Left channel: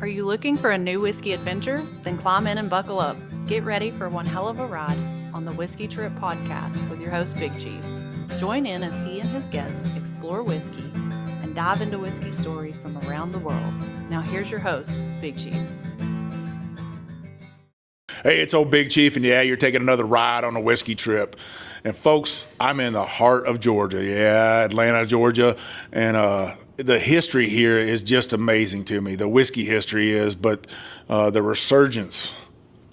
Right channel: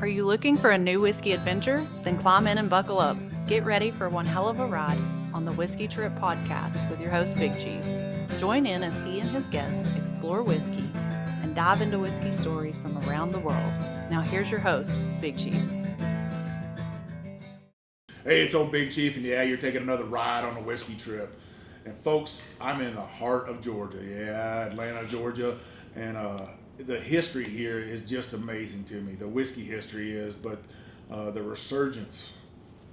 Are you looking for a new whiskey adventure? Then climb in and buckle up. Get ready for one hell of a ride on the Whiskey Trip podcast with your host, Big Chief. Join in as he and his guests explore whiskey and dive into whiskey stories from around the world. Now here's your host, Big Chief. Hey, it's old Big Chief, and yeah, you're taking another ride on a whiskey trip. And folks, I'm in the heart of Georgia. Yeah, Atlanta, Georgia. And the history here is just amazing to me. The whiskey history is, but the resurgence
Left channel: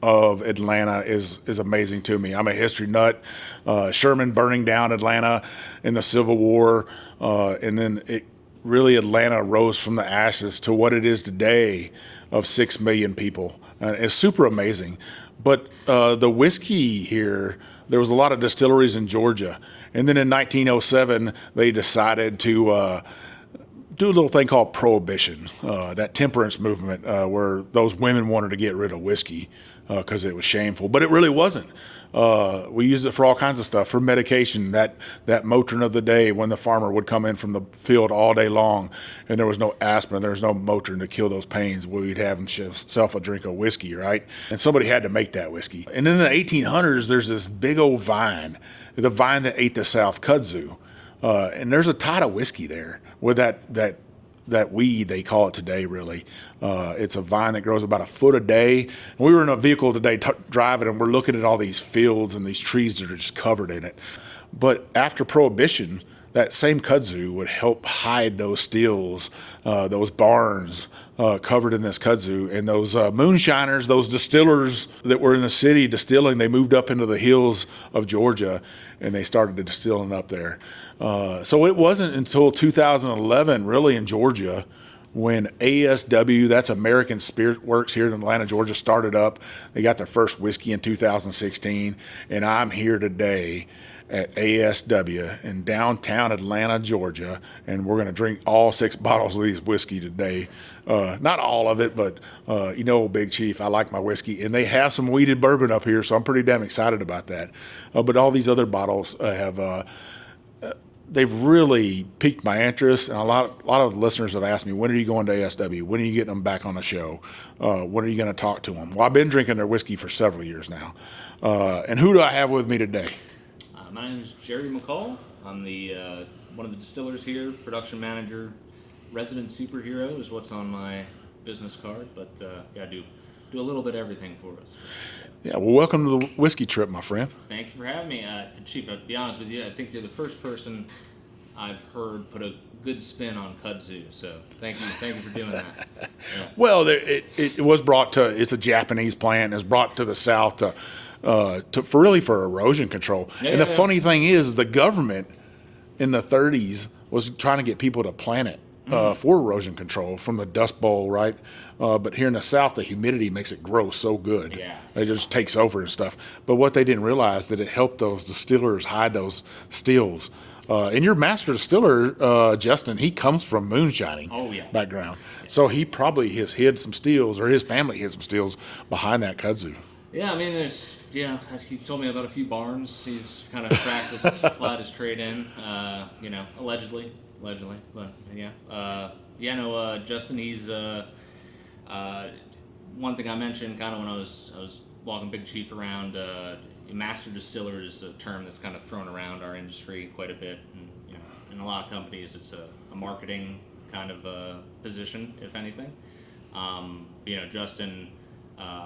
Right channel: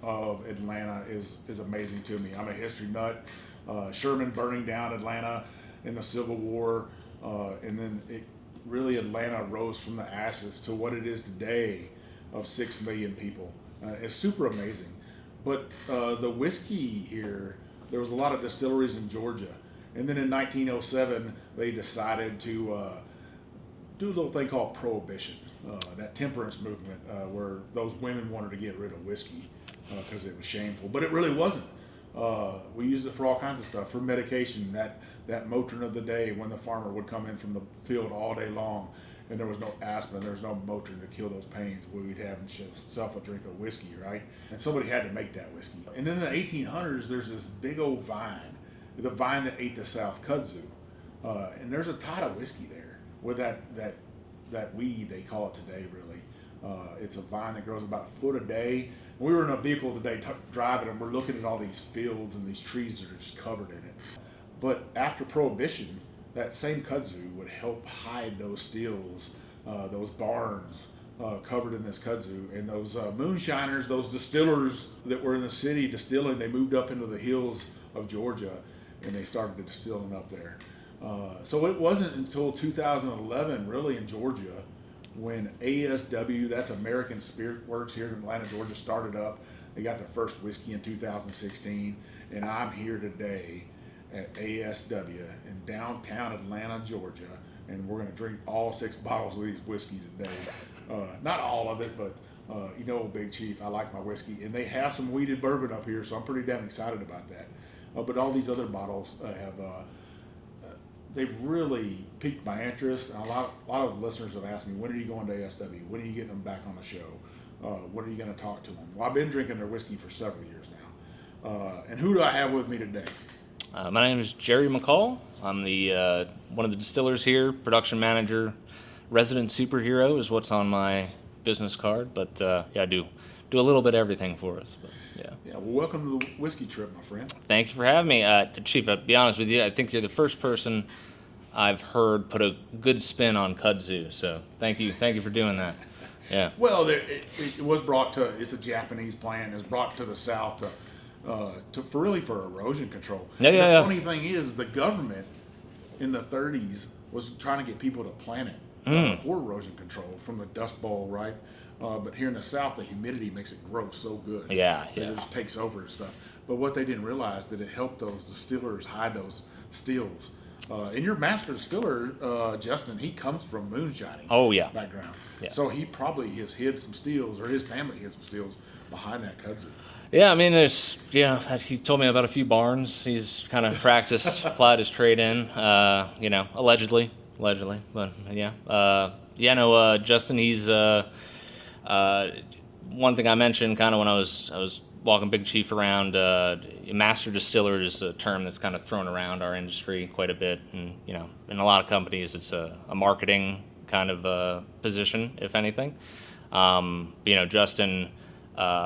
of Atlanta is amazing to me. I'm a history nut. Sherman burning down Atlanta in the Civil War, and then Atlanta rose from the ashes to what it is today of 6 million people. It's super amazing. But the whiskey here, there was a lot of distilleries in Georgia. And then in 1907, they decided to do a little thing called prohibition, that temperance movement where those women wanted to get rid of whiskey because it was shameful. But it really wasn't. We used it for all kinds of stuff, for medication, that Motrin of the day when the farmer would come in from the field all day long and there was no aspirin, there was no Motrin to kill those pains. We'd have himself a drink of whiskey, right? And somebody had to make that whiskey. And in the 1800s, there's this big old vine, the vine that ate the South kudzu. And there's a tot of whiskey there with that weed, they call it today, really. It's a vine that grows about a foot a day. And we were in a vehicle today driving, and we're looking at all these fields and these trees that are just covered in it. But after Prohibition, that same kudzu would help hide those stills, those barns covered in this kudzu. And those moonshiners, those distillers that were in the city distilling, they moved up into the hills of Georgia, and they started distilling up there. So it wasn't until 2011, really, in Georgia, when ASW, that's American Spirit Works here in Atlanta, Georgia, started up. They got their first whiskey in 2016, and I'm here today at ASW in downtown Atlanta, Georgia, and we're going to drink all 6 bottles of these whiskey today. Not all of it, but Big Chief, I like my whiskey, and they have some weeded bourbon up here, so I'm pretty damn excited about that. But all these other bottles they've really piqued my interest, and a lot of listeners have asked me, when are you going to ASW? When are you getting them back on the show? When are you going to talk to them? Well, I've been drinking their whiskey for several years now. And who do I have with me today? My name is Jerry McCall. I'm the one of the distillers here, production manager, resident superhero is what's on my business card. But I do a little bit of everything for us. But, yeah, well, welcome to the whiskey trip, my friend. Thank you for having me. Chief, I'll be honest with you, I think you're the first person I've heard put a good spin on kudzu, so thank you for doing that. Yeah. Well, it was brought to, it's a Japanese plant, it's brought to the South for erosion control. The funny thing is, the government in the 30s was trying to get people to plant it for erosion control from the Dust Bowl, right? But here in the South, the humidity makes it grow so good. Yeah. It just takes over and stuff. But what they didn't realize, that it helped those distillers hide those stills. And your master distiller, Justin, he comes from moonshining background. Yeah. So he probably has hid some stills, or his family hid some stills behind that kudzu. Yeah, I mean, he told me about a few barns he's kind of applied his trade in, allegedly, but yeah. Justin, he's, one thing I mentioned kind of when I was walking Big Chief around, master distiller is a term that's kind of thrown around our industry quite a bit, and in a lot of companies it's a marketing kind of position, if anything. Justin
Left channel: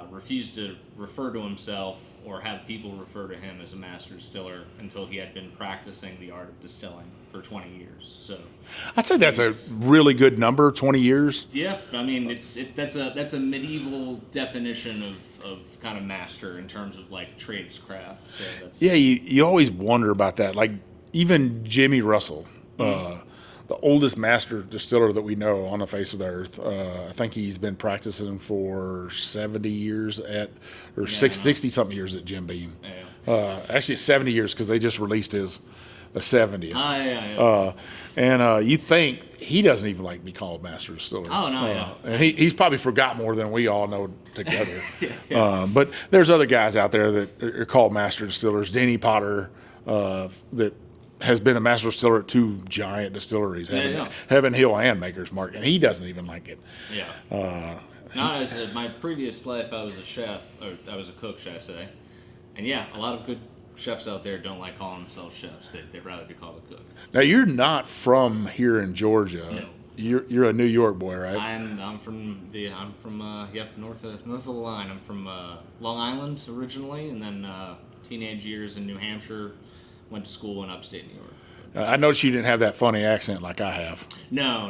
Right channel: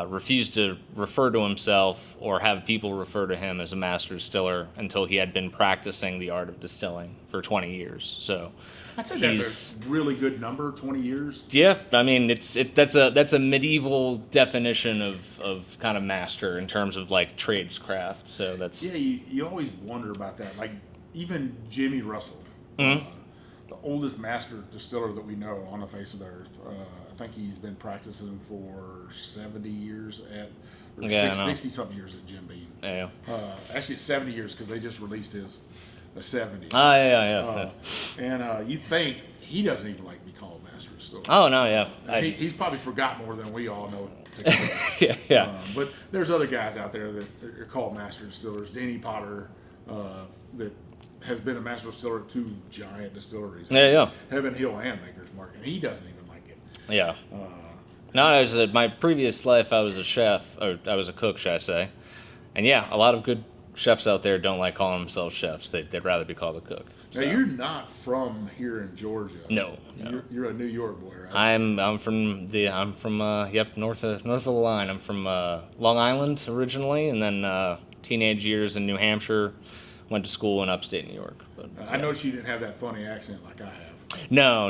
refused to refer to himself or have people refer to him as a master distiller until he had been practicing the art of distilling for 20 years. So I'd say that's a really good number, 20 years. Yeah, I mean that's a medieval definition of kind of master in terms of like tradescraft. So that's you always wonder about that. Like even Jimmy Russell, the oldest master distiller that we know on the face of the earth. I think he's been practicing for 70 years 60-something years at Jim Beam. Yeah. Actually, 70 years because they just released the 70th. Yeah. You think he doesn't even like to be called master distiller. Oh, no, yeah. And he's probably forgot more than we all know together. Yeah. But there's other guys out there that are called master distillers. Denny Potter, that has been a master distiller at 2 giant distilleries, Heaven Hill and Maker's Mark, and he doesn't even like it. Yeah. No, I was my previous life. I was a chef, or I was a cook, should I say? And yeah, a lot of good chefs out there don't like calling themselves chefs. They'd rather be called a cook. Now you're not from here in Georgia. No. You're a New York boy, right? I'm from north of the line. I'm from Long Island originally, and then teenage years in New Hampshire. Went to school in upstate New York. I noticed you didn't have that funny accent like I have. No.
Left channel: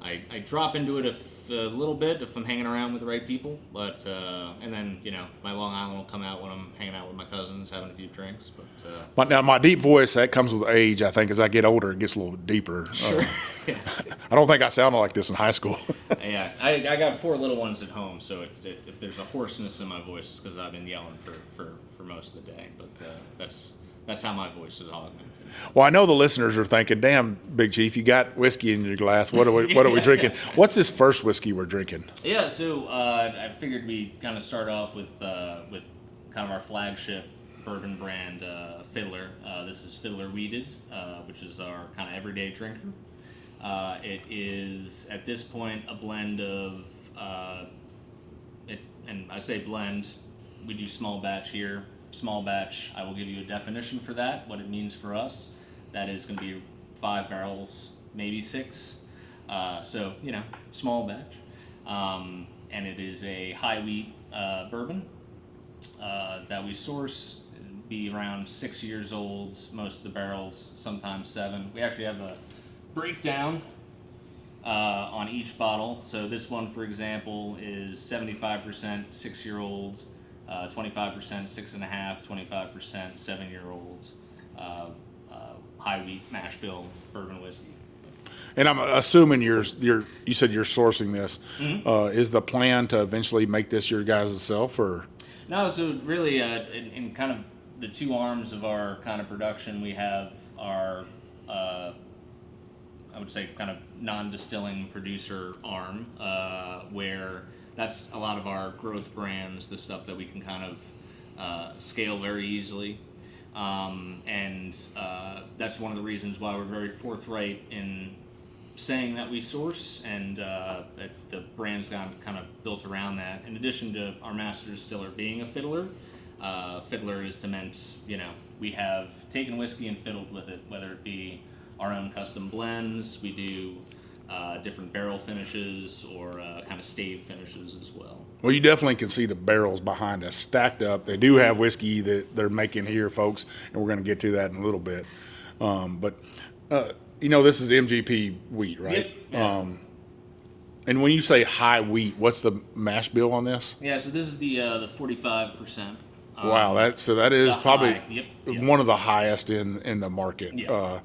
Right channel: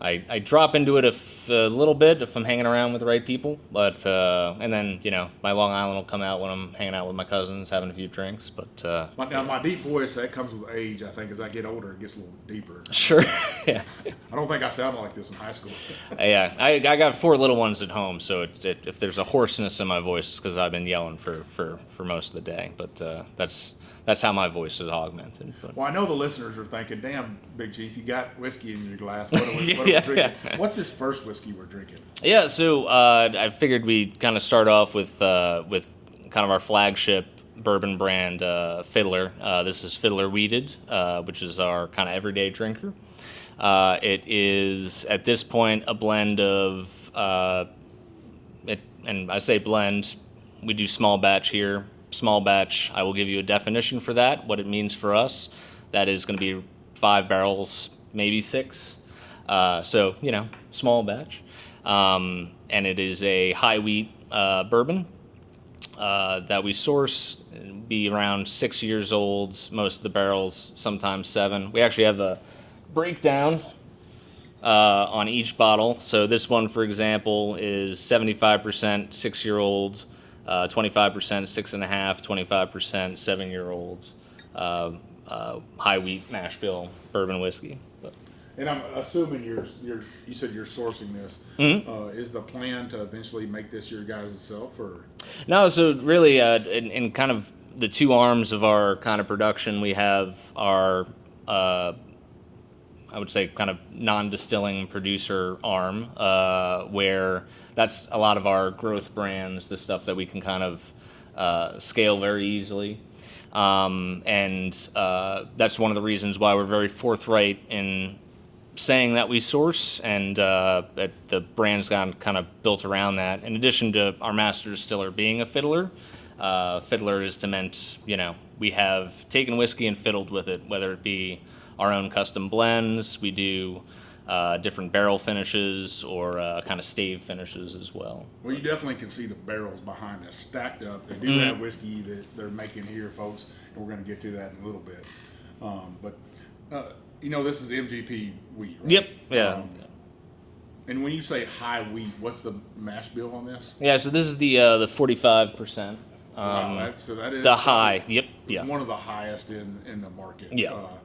I drop into it a little bit if I'm hanging around with the right people, but and then my Long Island will come out when I'm hanging out with my cousins, having a few drinks. But Now my deep voice, that comes with age. I think as I get older, it gets a little deeper. Sure. Yeah. I don't think I sounded like this in high school. Yeah. I got 4 little ones at home, so if there's a hoarseness in my voice, it's because I've been yelling for most of the day. But that's how my voice is augmented. Well, I know the listeners are thinking, "Damn, Big Chief, you got whiskey in your glass. What are we drinking? What's this first whiskey we're drinking?" Yeah, so I figured we'd kind of start off with kind of our flagship bourbon brand, Fiddler. This is Fiddler Wheated, which is our kind of everyday drinker. It is at this point a blend of and I say blend. We do small batch here. Small batch, I will give you a definition for that, what it means for us. That is going to be 5 barrels, maybe 6. So, small batch. And it is a high wheat bourbon that we source, be around 6 years old, most of the barrels, sometimes 7. We actually have a breakdown on each bottle. So this one, for example, is 75% 6-year-old, 25% 6.5, 25% 7-year-olds, high wheat mash bill bourbon whiskey. And I'm assuming you said you're sourcing this. Mm-hmm. Is the plan to eventually make this your guys' self, or? No, so really, in kind of the 2 arms of our kind of production, we have our, I would say, kind of non-distilling producer arm, where that's a lot of our growth brands, the stuff that we can kind of scale very easily. And that's one of the reasons why we're very forthright in saying that we source, and that the brand's got kind of built around that. In addition to our master distiller being a fiddler, fiddler is meant, we have taken whiskey and fiddled with it, whether it be our own custom blends. We do different barrel finishes or kind of stave finishes as well. Well, you definitely can see the barrels behind us stacked up. They do have whiskey that they're making here, folks, and we're going to get to that in a little bit. But this is MGP wheat, right? Yep. Yeah. And when you say high wheat, what's the mash bill on this? Yeah. So this is the 45%. Wow, that is the probably high. Yep. one of the highest in the market. Yeah.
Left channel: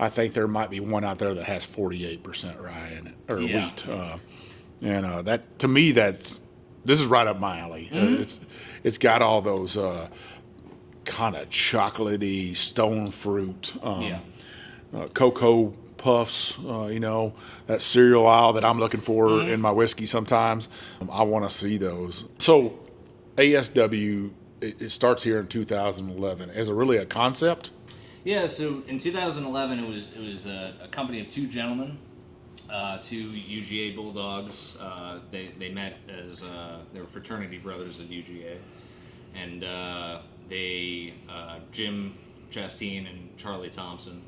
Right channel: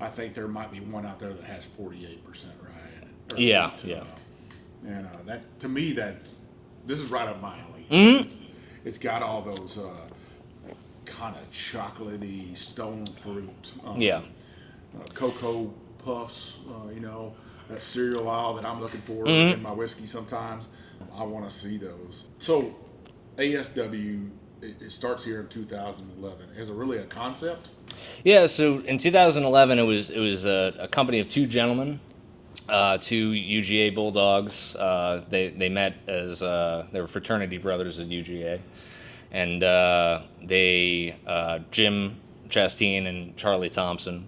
I think there might be one out there that has 48% rye in it, or wheat. And that, to me, this is right up my alley. Mm-hmm. It's got all those kind of chocolatey stone fruit, cocoa puffs. That cereal aisle that I'm looking for in my whiskey. Sometimes I want to see those. So ASW. It starts here in 2011. Is it really a concept? Yeah, so in 2011, it was a company of 2 gentlemen, 2 UGA Bulldogs. They met as they were fraternity brothers at UGA, and Jim Chastain and Charlie Thompson.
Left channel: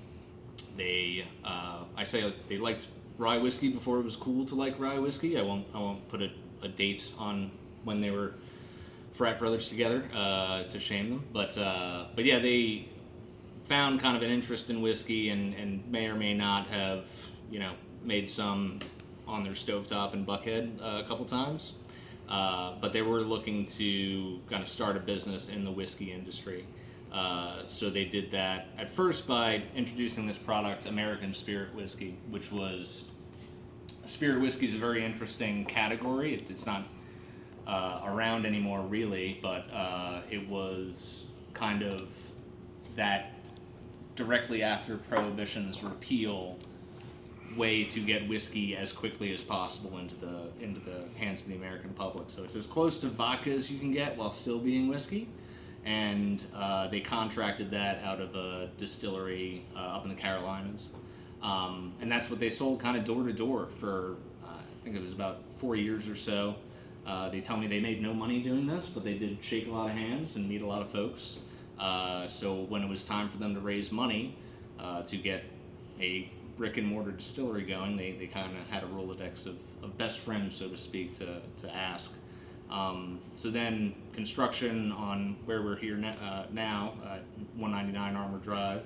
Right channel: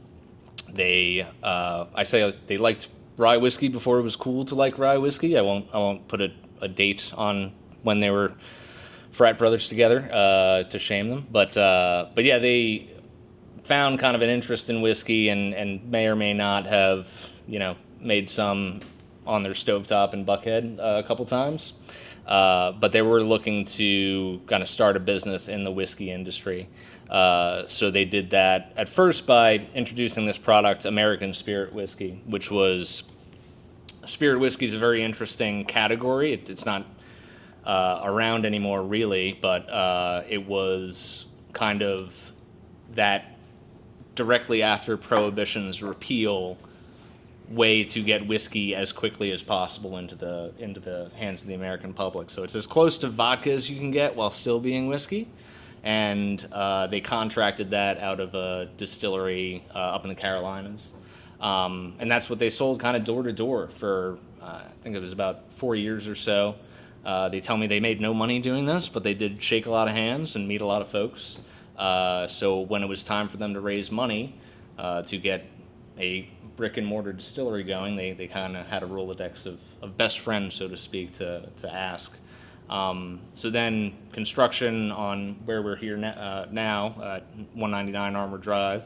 They liked rye whiskey before it was cool to like rye whiskey. I won't put a date on when they were frat brothers together to shame them, but yeah, they found kind of an interest in whiskey and may or may not have made some on their stovetop in Buckhead a couple times, but they were looking to kind of start a business in the whiskey industry. So they did that at first by introducing this product, American Spirit Whiskey, which was spirit whiskey is a very interesting category. It's not around anymore, really, but it was kind of that directly after Prohibition's repeal way to get whiskey as quickly as possible into the hands of the American public. So it's as close to vodka as you can get while still being whiskey, and they contracted that out of a distillery up in the Carolinas, and that's what they sold kind of door to door for I think it was about 4 years or so. They tell me they made no money doing this, but they did shake a lot of hands and meet a lot of folks. So when it was time for them to raise money to get a brick and mortar distillery going, they kind of had a Rolodex of best friends, so to speak, to ask. So then construction on where we're here now at 199 Armour Drive,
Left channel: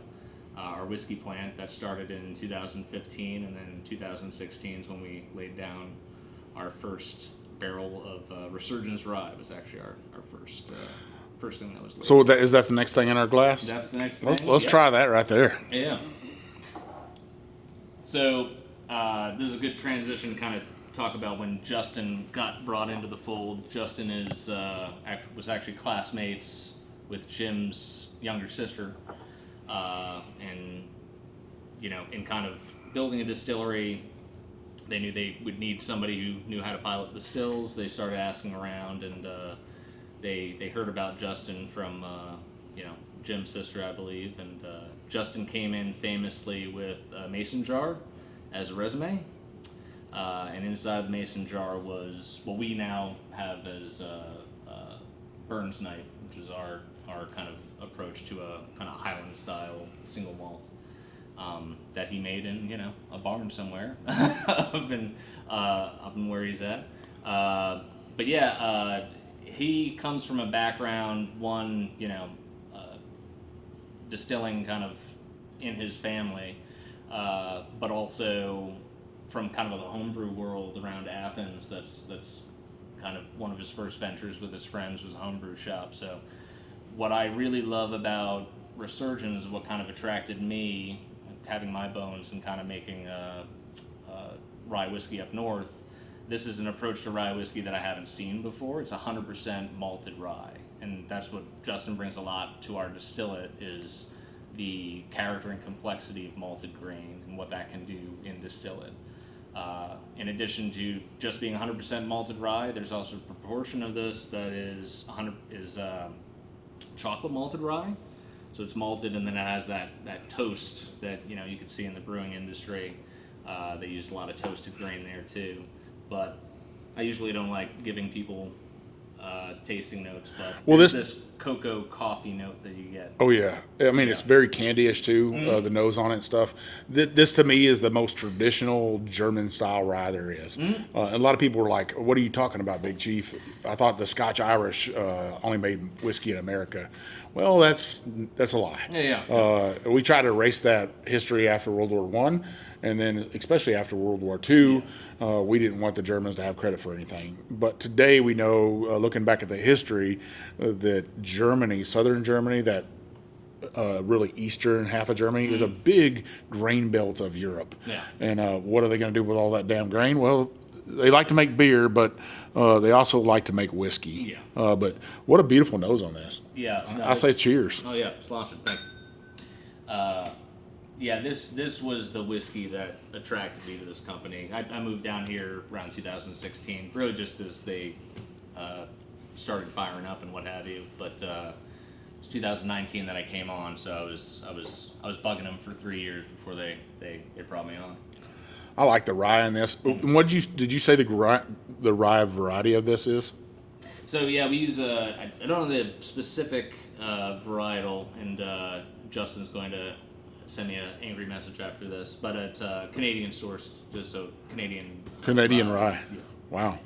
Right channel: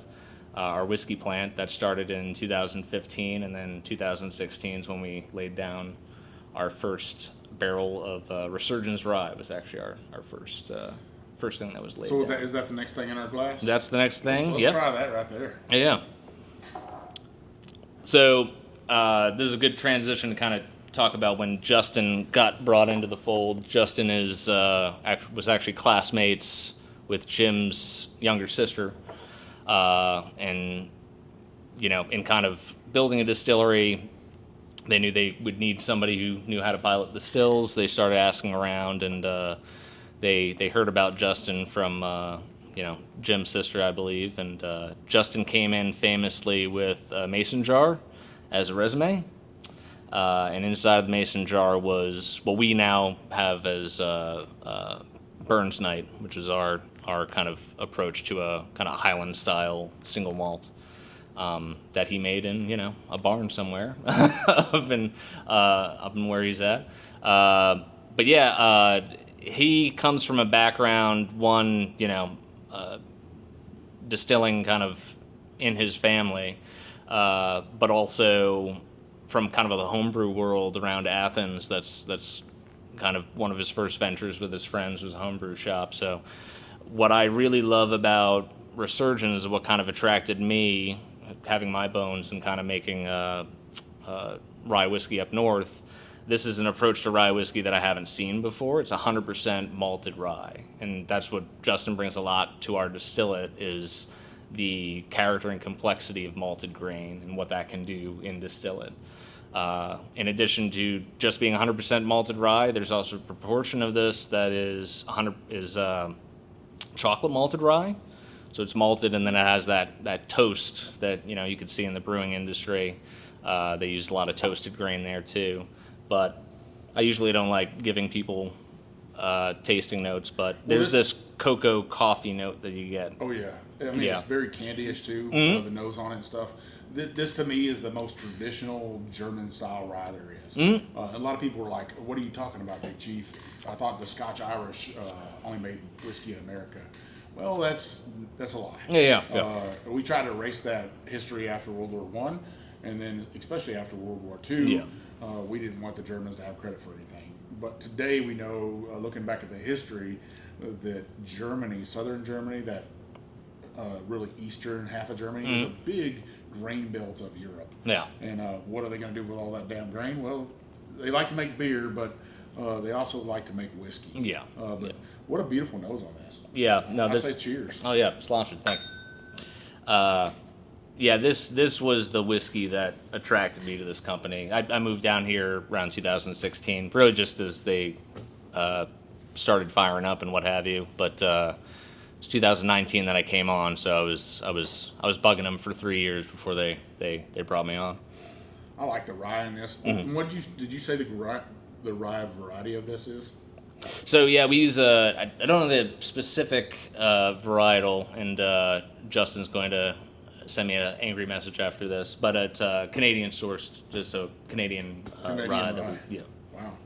our whiskey plant, that started in 2015, and then 2016 is when we laid down our first barrel of Resurgence Rye. Was actually our first thing that was laid So down. is that the next thing in our glass? That's the next thing. Let's Yep. try that right there. Yeah. So this is a good transition to kind of talk about when Justin got brought into the fold. Justin was actually classmates with Jim's younger sister, and in kind of building a distillery, they knew they would need somebody who knew how to pilot the stills. They started asking around, and they heard about Justin from Jim's sister, I believe, and Justin came in famously with a mason jar as a resume, and inside of the mason jar was what we now have as Burns Night, which is our kind of approach to a kind of Highland style single malt that he made in a barn somewhere up in where he's at. But yeah, he comes from a background, distilling kind of in his family, but also from kind of the homebrew world around Athens. That's kind of one of his first ventures with his friends, was a homebrew shop. So what I really love about Resurgence is what kind of attracted me, having my bones and kind of making rye whiskey up north. This is an approach to rye whiskey that I haven't seen before. It's 100% malted rye, and that's what Justin brings a lot to our distillate, is the character and complexity of malted grain and what that can do in distillate. In addition to just being 100% malted rye, there's also a proportion of this that is chocolate malted rye. So it's malted, and then it has that toast that you could see in the brewing industry. They used a lot of toasted grain there too. But I usually don't like giving people tasting notes, but there's this cocoa coffee note that you get. Oh yeah, I mean, Yeah. it's very candyish too. The nose on it and stuff. This to me is the most traditional German style rye there is. A lot of people were like, "What are you talking about, Big Chief? I thought the Scotch Irish only made whiskey in America." Well, that's a lie. Yeah. We tried to erase that history after World War One, and then especially after World War Two. We didn't want the Germans to have credit for anything. But today we know, looking back at the history, that Germany, southern Germany, that really eastern half of Germany, is a big grain belt of Europe. Yeah. And what are they going to do with all that damn grain? Well, they like to make beer, but they also like to make whiskey. Yeah. But what a beautiful nose on this. Yeah. No, I say cheers. Oh yeah, slaunch it. Thank you. Yeah, this was the whiskey that attracted me to this company. I moved down here around 2016, really just as they started firing up and what have you. But it's 2019 that I came on, so I was bugging them for 3 years before they brought me on. I like the rye in this. And did you say the rye variety of this is? So yeah, we use I don't know the specific varietal, and Justin's going to send me an angry message after this, but it's Canadian sourced, just a Canadian Rye. Yeah. Wow.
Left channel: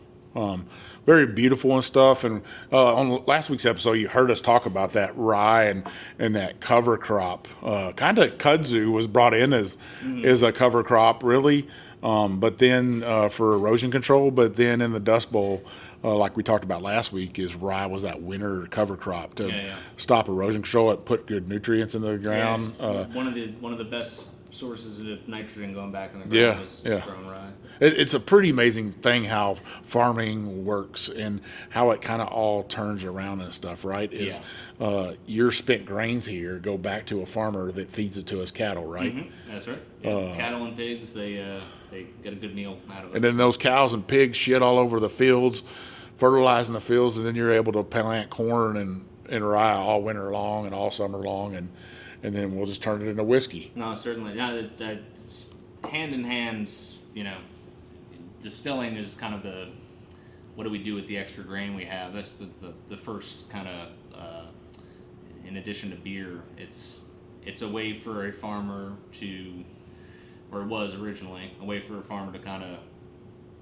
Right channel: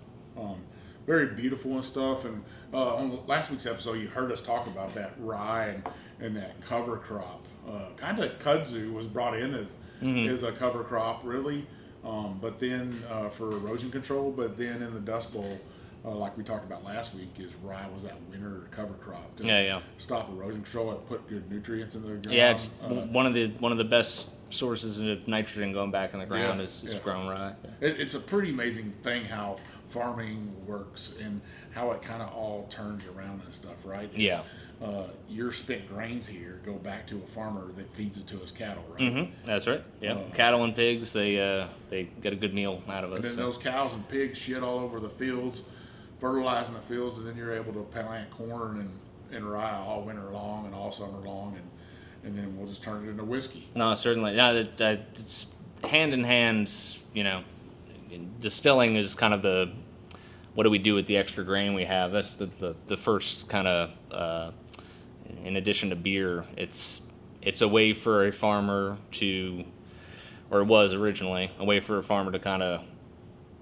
Very beautiful and stuff. And on last week's episode, you heard us talk about that rye and that cover crop. Kind of kudzu was brought in as a cover crop, really, but then for erosion control. But then in the Dust Bowl, like we talked about last week, is rye was that winter cover crop to stop erosion control. It put good nutrients in the ground. Yeah, it's one of the best sources of nitrogen going back in the ground is grown rye. It's a pretty amazing thing how farming works and how it kind of all turns around and stuff, right? Your spent grains here go back to a farmer that feeds it to his cattle, right? Mm-hmm. That's right. Yeah. Cattle and pigs, they get a good meal out of it. And then those cows and pigs shit all over the fields, fertilizing the fields, and then you're able to plant corn and rye all winter long and all summer long, and then we'll just turn it into whiskey. No, certainly. No, it's hand in hand, distilling is kind of the, what do we do with the extra grain we have? That's the first kind of, in addition to beer, it's a way for a farmer to, or it was originally, a way for a farmer to kind of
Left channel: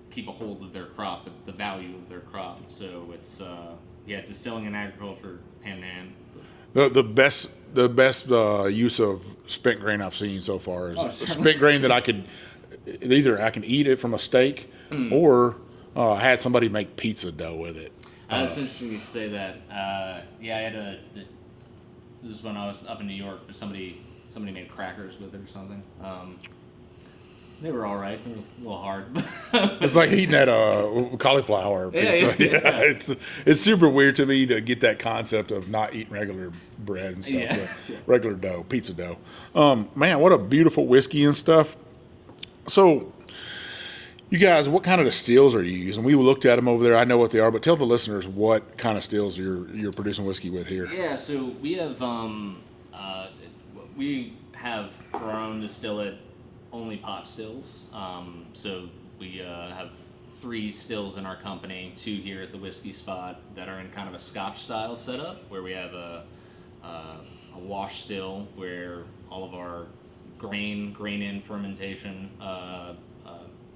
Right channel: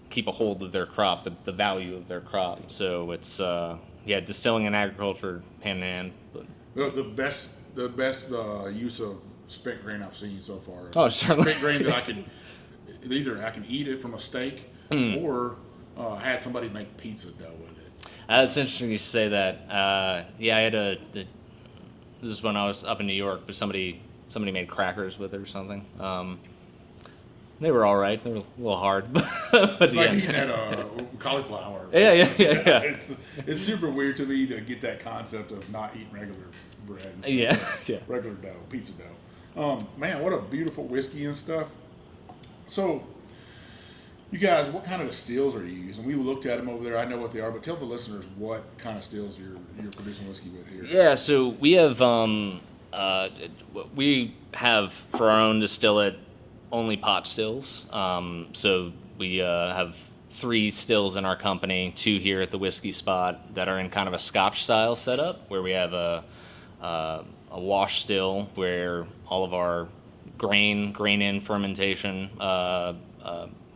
keep a hold of their crop, the value of their crop. So it's, distilling and agriculture hand in hand. The best use of spent grain I've seen so far is spent grain that I can eat it from a steak, or I had somebody make pizza dough with it. It's interesting you say that. I had this is when I was up in New York, but somebody made crackers with it or something. They were all right. They were a little hard. It's like eating that cauliflower pizza. Yeah. It's super weird to me to get that concept of not eating regular bread and stuff. Regular dough, pizza dough. Man, what a beautiful whiskey and stuff. So, you guys, what kind of distills are you using? We looked at them over there. I know what they are, but tell the listeners what kind of stills you're producing whiskey with here. Yeah, so we have for our own distillate only pot stills. So we have 3 stills in our company, 2 here at the Whiskey Spot that are in kind of a Scotch style setup, where we have a wash still where all of our grain in fermentation,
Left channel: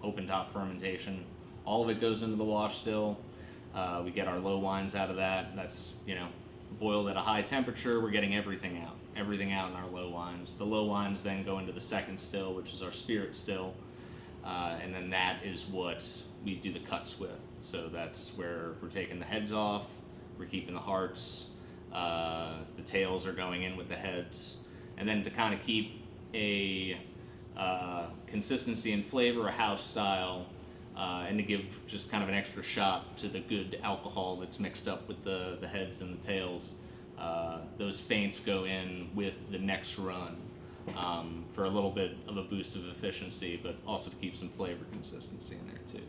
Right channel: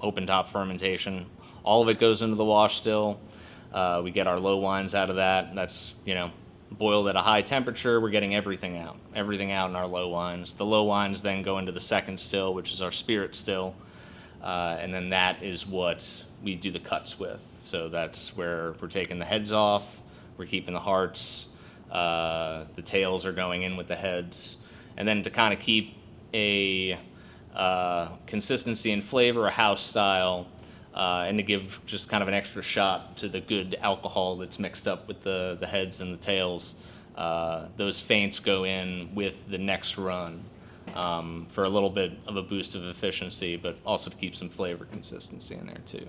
open top fermentation, all of it goes into the wash still. We get our low wines out of that. That's, boiled at a high temperature. We're getting everything out in our low wines. The low wines then go into the second still, which is our spirit still. And then that is what we do the cuts with. So that's where we're taking the heads off, we're keeping the hearts, the tails are going in with the heads. And then to kind of keep a consistency and flavor, a house style, and to give just kind of an extra shot to the good alcohol that's mixed up with the heads and the tails. Those feints go in with the next run for a little bit of a boost of efficiency, but also to keep some flavor consistency in there too.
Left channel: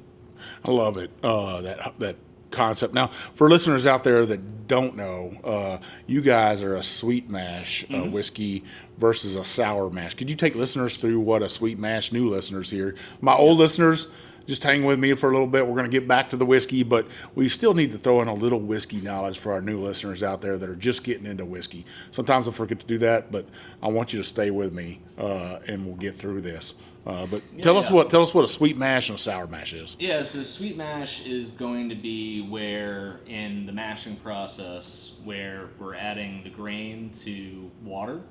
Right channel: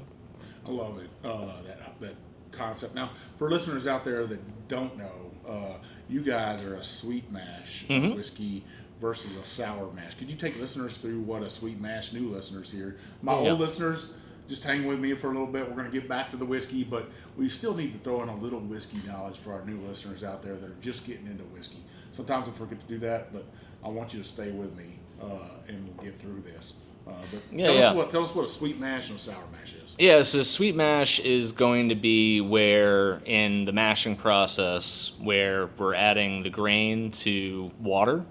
I love it, that concept. Now, for listeners out there that don't know, you guys are a sweet mash whiskey versus a sour mash. Could you take listeners through what a sweet mash, new listeners here? My old listeners, just hang with me for a little bit. We're going to get back to the whiskey, but we still need to throw in a little whiskey knowledge for our new listeners out there that are just getting into whiskey. Sometimes I forget to do that, but I want you to stay with me, and we'll get through this. Tell us what a sweet mash and a sour mash is. Yeah, so sweet mash is going to be where in the mashing process where we're adding the grain to water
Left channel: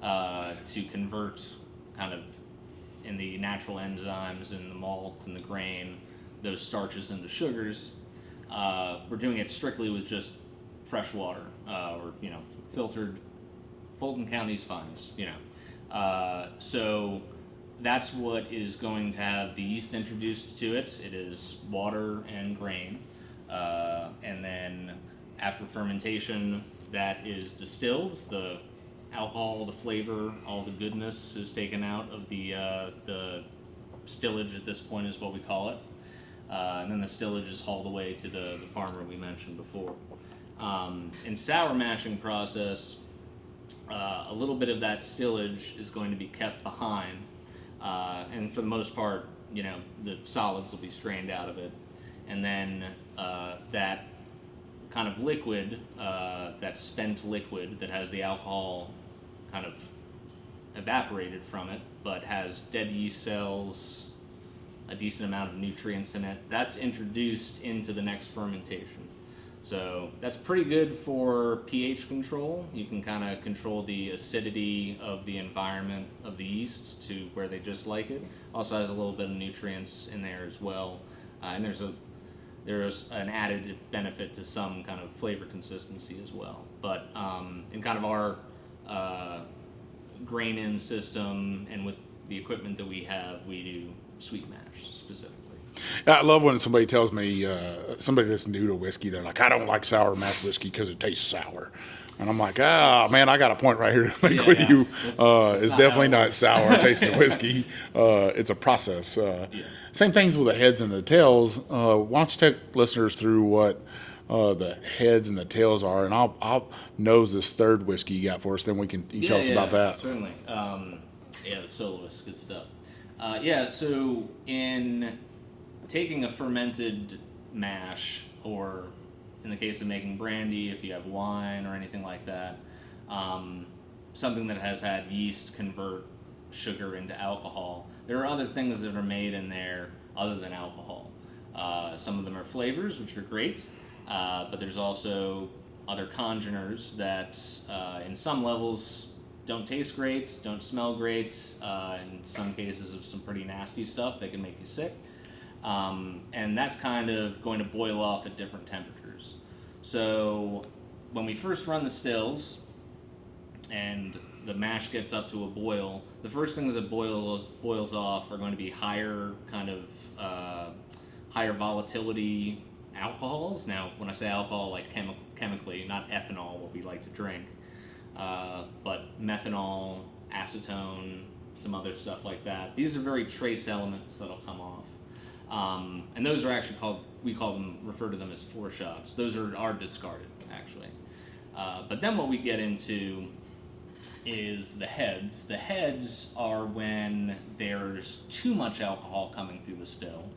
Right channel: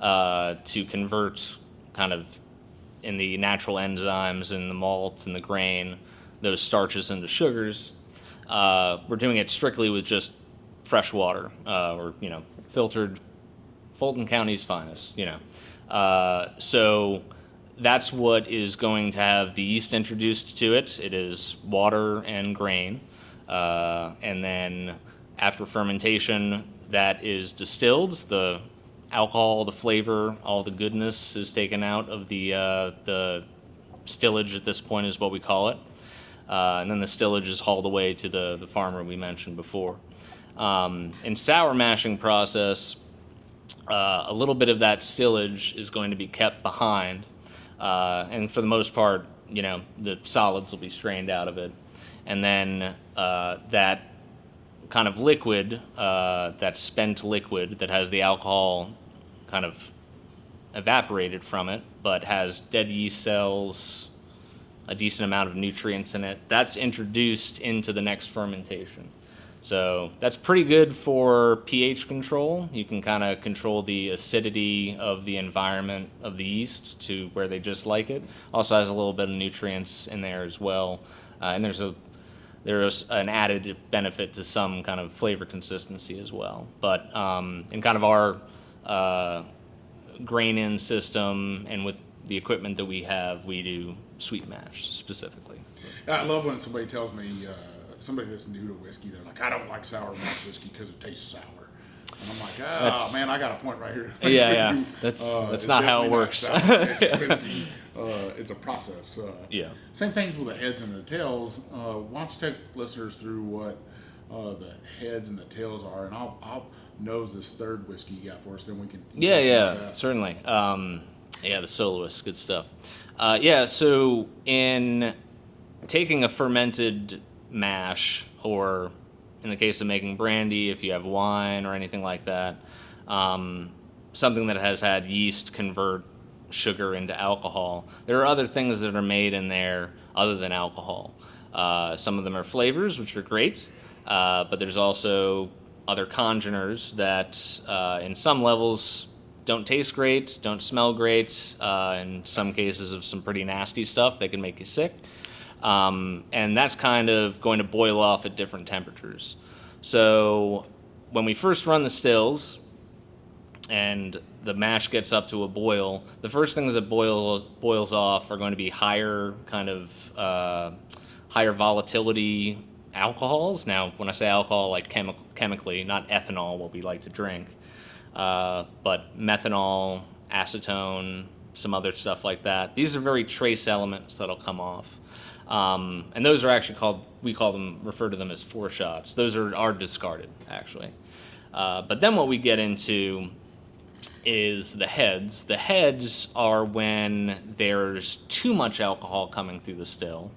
to convert kind of in the natural enzymes in the malt and the grain, those starches into sugars. We're doing it strictly with just fresh water, or filtered Fulton County's finest. So that's what is going to have the yeast introduced to it. It is water and grain, and then after fermentation, that is distilled. The alcohol, the flavor, all the goodness is taken out of the stillage at this point is what we call it. And then the stillage is hauled away to the farmer we mentioned before. In sour mashing process, a little bit of that stillage is going to be kept behind. And for the most part, the solids will be strained out of it. And then that kind of liquid, that spent liquid that has the alcohol kind of evaporated from it, but has dead yeast cells, a decent amount of nutrients in it, that's introduced into the next fermentation. So that's pretty good for pH control. You can kind of control the acidity of the environment of the yeast to where they just like it. Also has a little bit of nutrients in there as well. And there's an added benefit to some kind of flavor consistency as well. But in kind of our grain-in system and with the equipment that we have, we do sweet mash specifically. I love when somebody tells me, somebody that's new to whiskey, they're like, I don't like sour mash whiskey because it tastes sour. And I'm like, man, I got a point right here to make with you. It's definitely not sour tasting whiskey. It's a process. Same things with the heads and the tails. Why don't you take listeners through what the heads and the tails are, and I'll nose this third whiskey you got for us, then we can tell us about that. Certainly. The soloist, good stuff. So in taking a fermented mash, or in the case of making brandy, if you have wine or anything like that, something that has had yeast convert sugar into alcohol. There are other things that are made in there other than alcohol. Some of them are flavors, which are great, but there's also other congeners that in some levels don't taste great, don't smell great, in some cases of some pretty nasty stuff that can make you sick. And that's kind of going to boil off at different temperatures. So when we first run the stills and the mash gets up to a boil, the first things that boils off are going to be higher volatility alcohols. Now, when I say alcohol, like chemically, not ethanol, what we like to drink, but methanol, acetone, some other stuff like that. These are very trace elements that'll come off. And those are actually refer to them as foreshots. Those are discarded, actually. But then what we get into is the heads. The heads are when there's too much alcohol coming through the still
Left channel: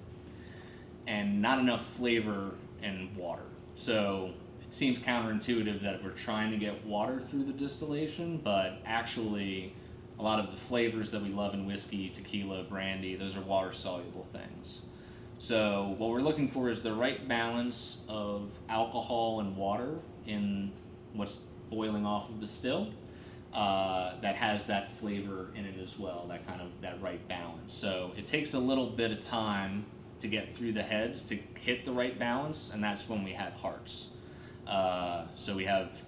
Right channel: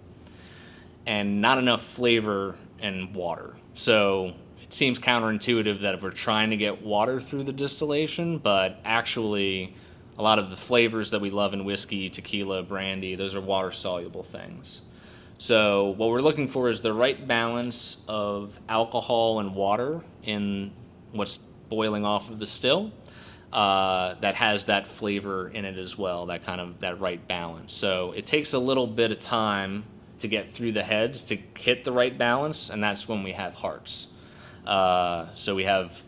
and not enough flavor and water. So it seems counterintuitive that we're trying to get water through the distillation, but actually a lot of the flavors that we love in whiskey, tequila, brandy, those are water-soluble things. So what we're looking for is the right balance of alcohol and water in what's boiling off of the still, that has that flavor in it as well, that right balance. So it takes a little bit of time to get through the heads to hit the right balance, and that's when we have hearts. So we have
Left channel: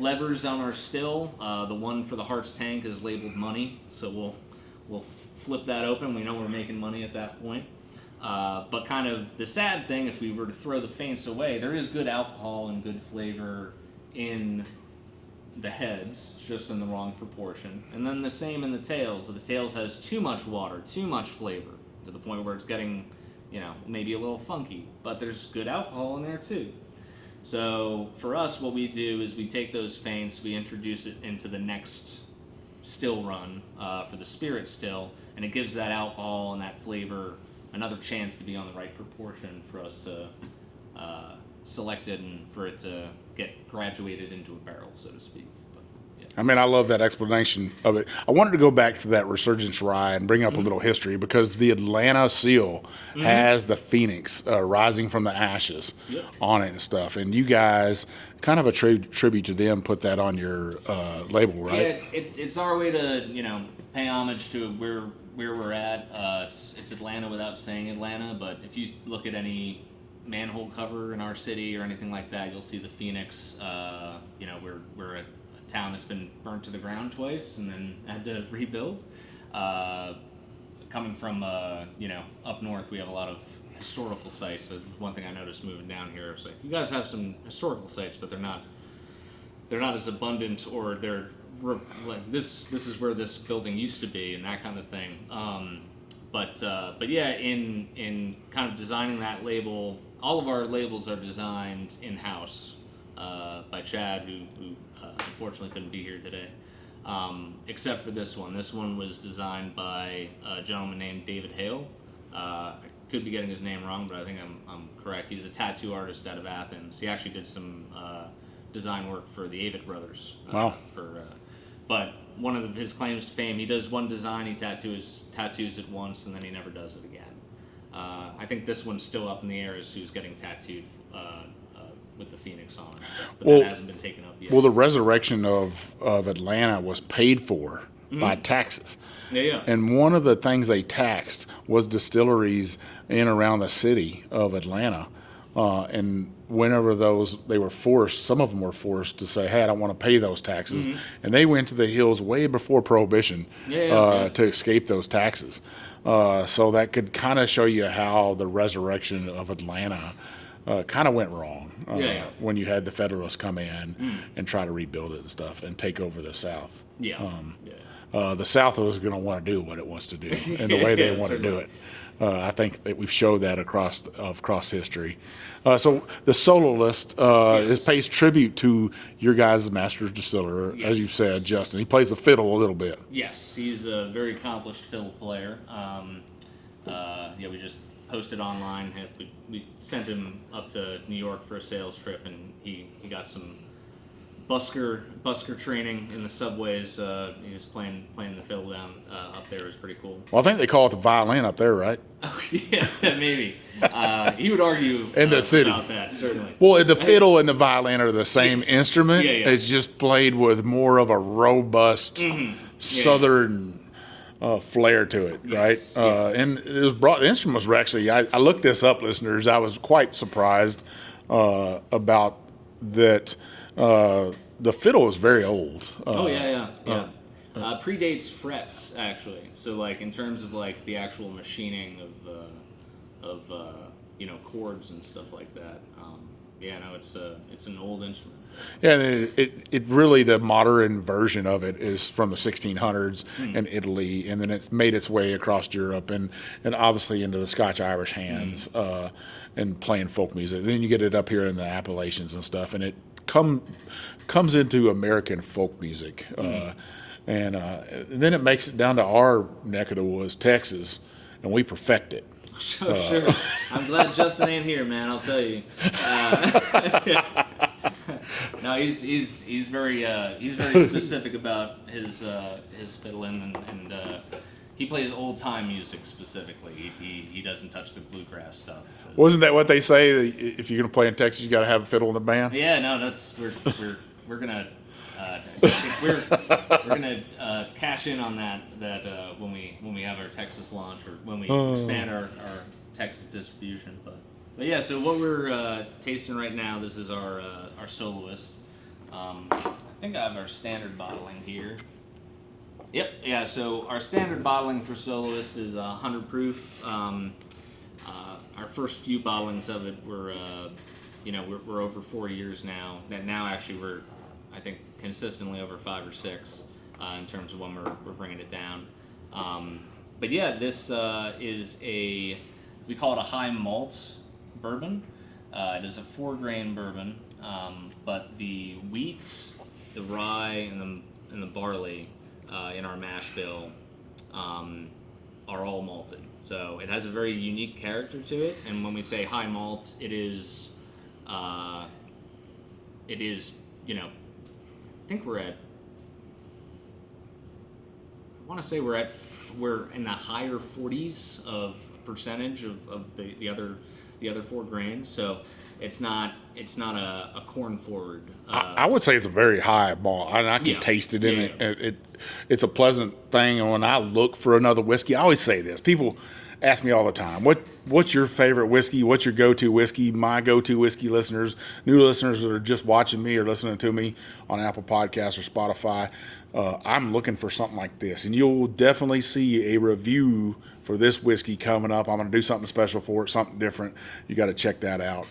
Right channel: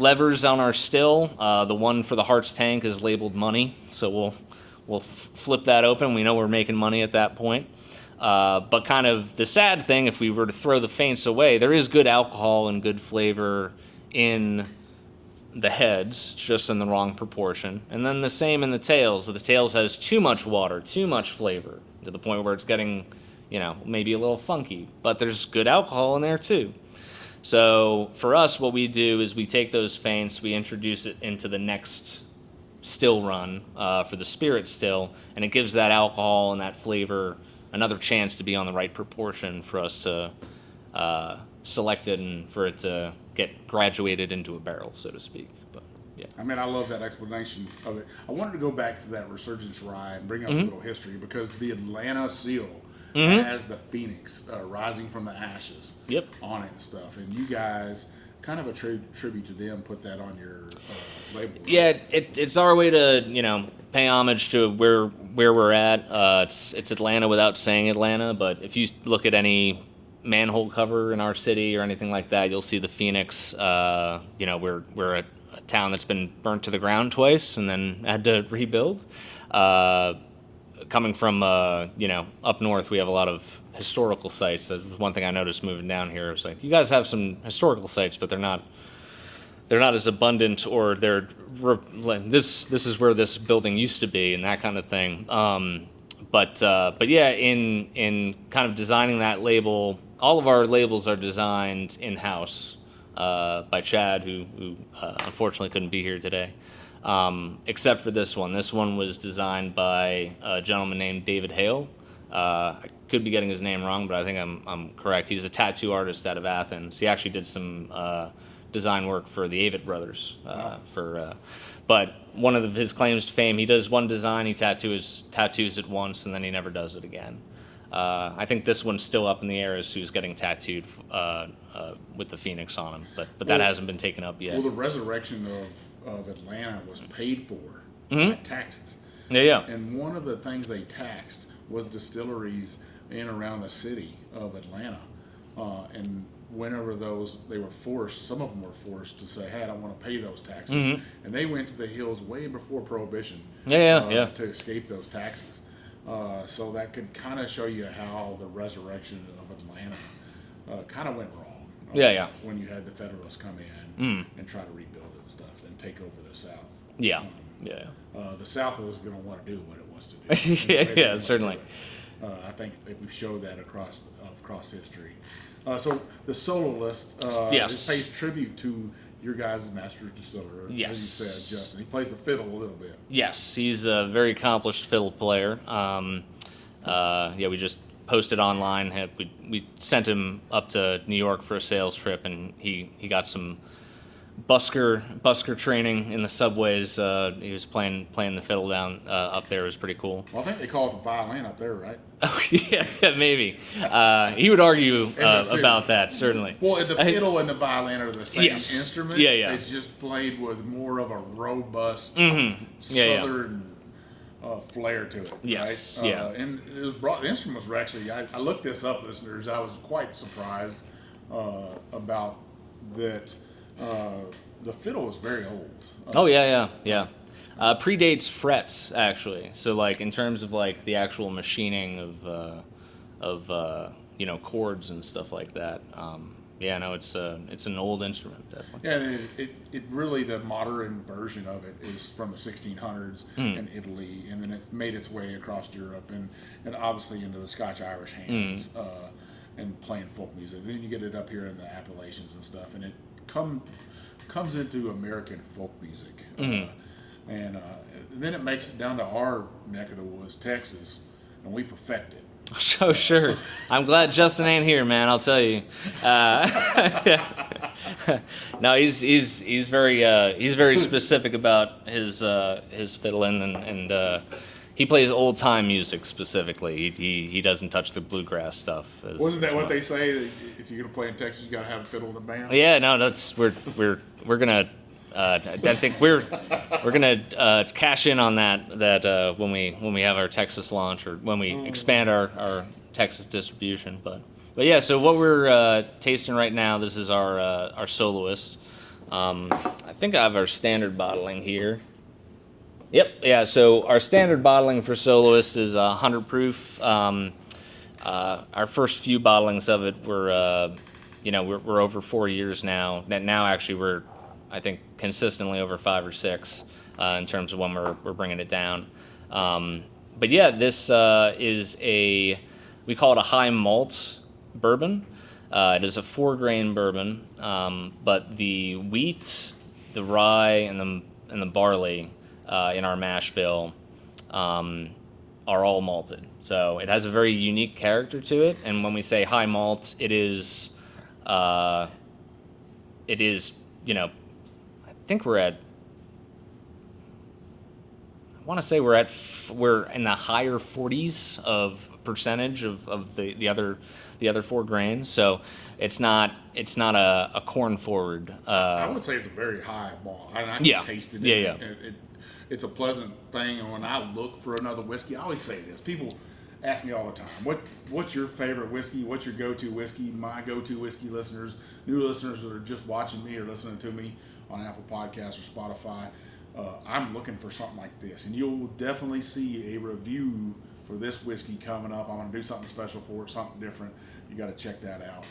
levers on our still. The one for the hearts tank is labeled money, so we'll flip that open. We know we're making money at that point. But kind of the sad thing, if we were to throw the feints away, there is good alcohol and good flavor in the heads, just in the wrong proportion. And then the same in the tails. The tails has too much water, too much flavor, to the point where it's getting, maybe a little funky. But there's good alcohol in there too. So for us, what we do is we take those feints, we introduce it into the next still run for the spirit still, and it gives that alcohol and that flavor another chance to be on the right proportion for us to select it and for it to get graduated into a barrel, so to speak. But yeah. I mean, I love that explanation of it. I wanted to go back to that Resurgence Rye and bring up a little history, because the Atlanta seal has the phoenix rising from the ashes on it and stuff. And you guys, kind of a tribute to them, put that on your label, right? Yeah, it's our way to, pay homage to where we're at. It's Atlanta without saying Atlanta, but if you look at any manhole cover in our city or anything like that, you'll see the phoenix. We're a town that's been burnt to the ground twice and then had to rebuild. Coming from up north, we have a lot of historical sites. That was one thing I noticed moving down here. It's like, you guys have some historical sites, but they're not as abundant, or they're this is where this building used to be and that kind of thing. But yeah, in kind of designing that label, all of our labels are designed in-house by Chad, who unfortunately couldn't be here today, except for this one. This one was designed by a gentleman named David Hale. I could be getting his name wrong, but I think I'm correct. He's a tattoo artist out of Athens. He actually did some design work for the Avett brothers. Wow. But one of his claims to fame, he does one design, he tattoos it once, and then he never does it again. I think this one's still up in the air as who's getting tattooed with the phoenix on him, but that hasn't been taken up yet. Well, the resurrection of Atlanta was paid for by taxes. Yeah. And one of the things they taxed was distilleries in around the city of Atlanta. And whenever they were forced, some of them were forced to say, hey, I don't want to pay those taxes. And they went to the hills way before Prohibition to escape those taxes. So that could kind of show you how the resurrection of Atlanta kind of went wrong. When you had the Federalists come in and try to rebuild it and stuff and take over the South. The South was going to want to do what it wants to do and the way they want to do it. I think that we've showed that across history. So the soloist pays tribute to your guys' master distiller, as you said, Justin. He plays the fiddle a little bit. Yes, he's a very accomplished fiddle player. We just posted online. We sent him up to New York for a sales trip, and he got some busker training in the subways. He was playing the fiddle down up there. It was pretty cool. Well, I think they call it the violin up there, right? Oh yeah, maybe. He would argue about that, certainly. Well, the fiddle and the violin are the same instrument. Yeah, yeah. It's just played with more of a robust southern flair to it, Yes, right? yeah. And it was brought. The instruments were actually. I looked this up, listeners. I was quite surprised about that. The fiddle is very old. Oh yeah. Predates frets, actually. So like in terms of like the actual machining of chords and stuff like that. It's an old instrument. Definitely. Yeah, and it really, the modern version of it is from the 1600s in Italy, and then it's made its way across Europe and obviously into the Scotch-Irish hands and playing folk music. Then you get it up here in the Appalachians and stuff, and it comes into American folk music. And then it makes it down to our neck of the woods, Texas, and we perfect it. Oh, sure. I'm glad Justin ain't here, man. I'll tell you. No, he's very specific about his fiddling and he plays old time music specifically. He doesn't touch the bluegrass stuff. Wasn't that what they say? If you're gonna play in Texas, you got to have a fiddle in the band. Yeah, no, we're gonna. I think we're gonna cash in on that when we have our Texas launch or when we expand our Texas distribution. But yeah, so what we're tasting right now, this is our soloist. I think I have our standard bottling here. Yep, yeah. So our standard bottling for soloist is 100 proof. Our first few bottlings of it were we're over 4 years now. Now actually we're, I think, consistently over 5 or 6 in terms of when we're bringing it down. But yeah, this is we call it a high malt bourbon. It is a 4-grain bourbon, but the wheat, the rye, and the barley in our mash bill are all malted. So it has a very unique character to it. And when we say high malt, it is I think we're in the higher 40s of percentage of the other 4 grains. So it's not a corn forward. I would say it's a very high malt. I can taste it. It's a pleasant thing. And when I look for another whiskey, I always say this. People ask me all the time, what's your favorite whiskey? What's your go-to whiskey? My go-to whiskey listeners, new listeners that are just watching me or listening to me on Apple Podcasts or Spotify, I'm looking for something like this. And you'll definitely see a review for this whiskey coming up. I'm going to do something special for it, something different. You got to check that out.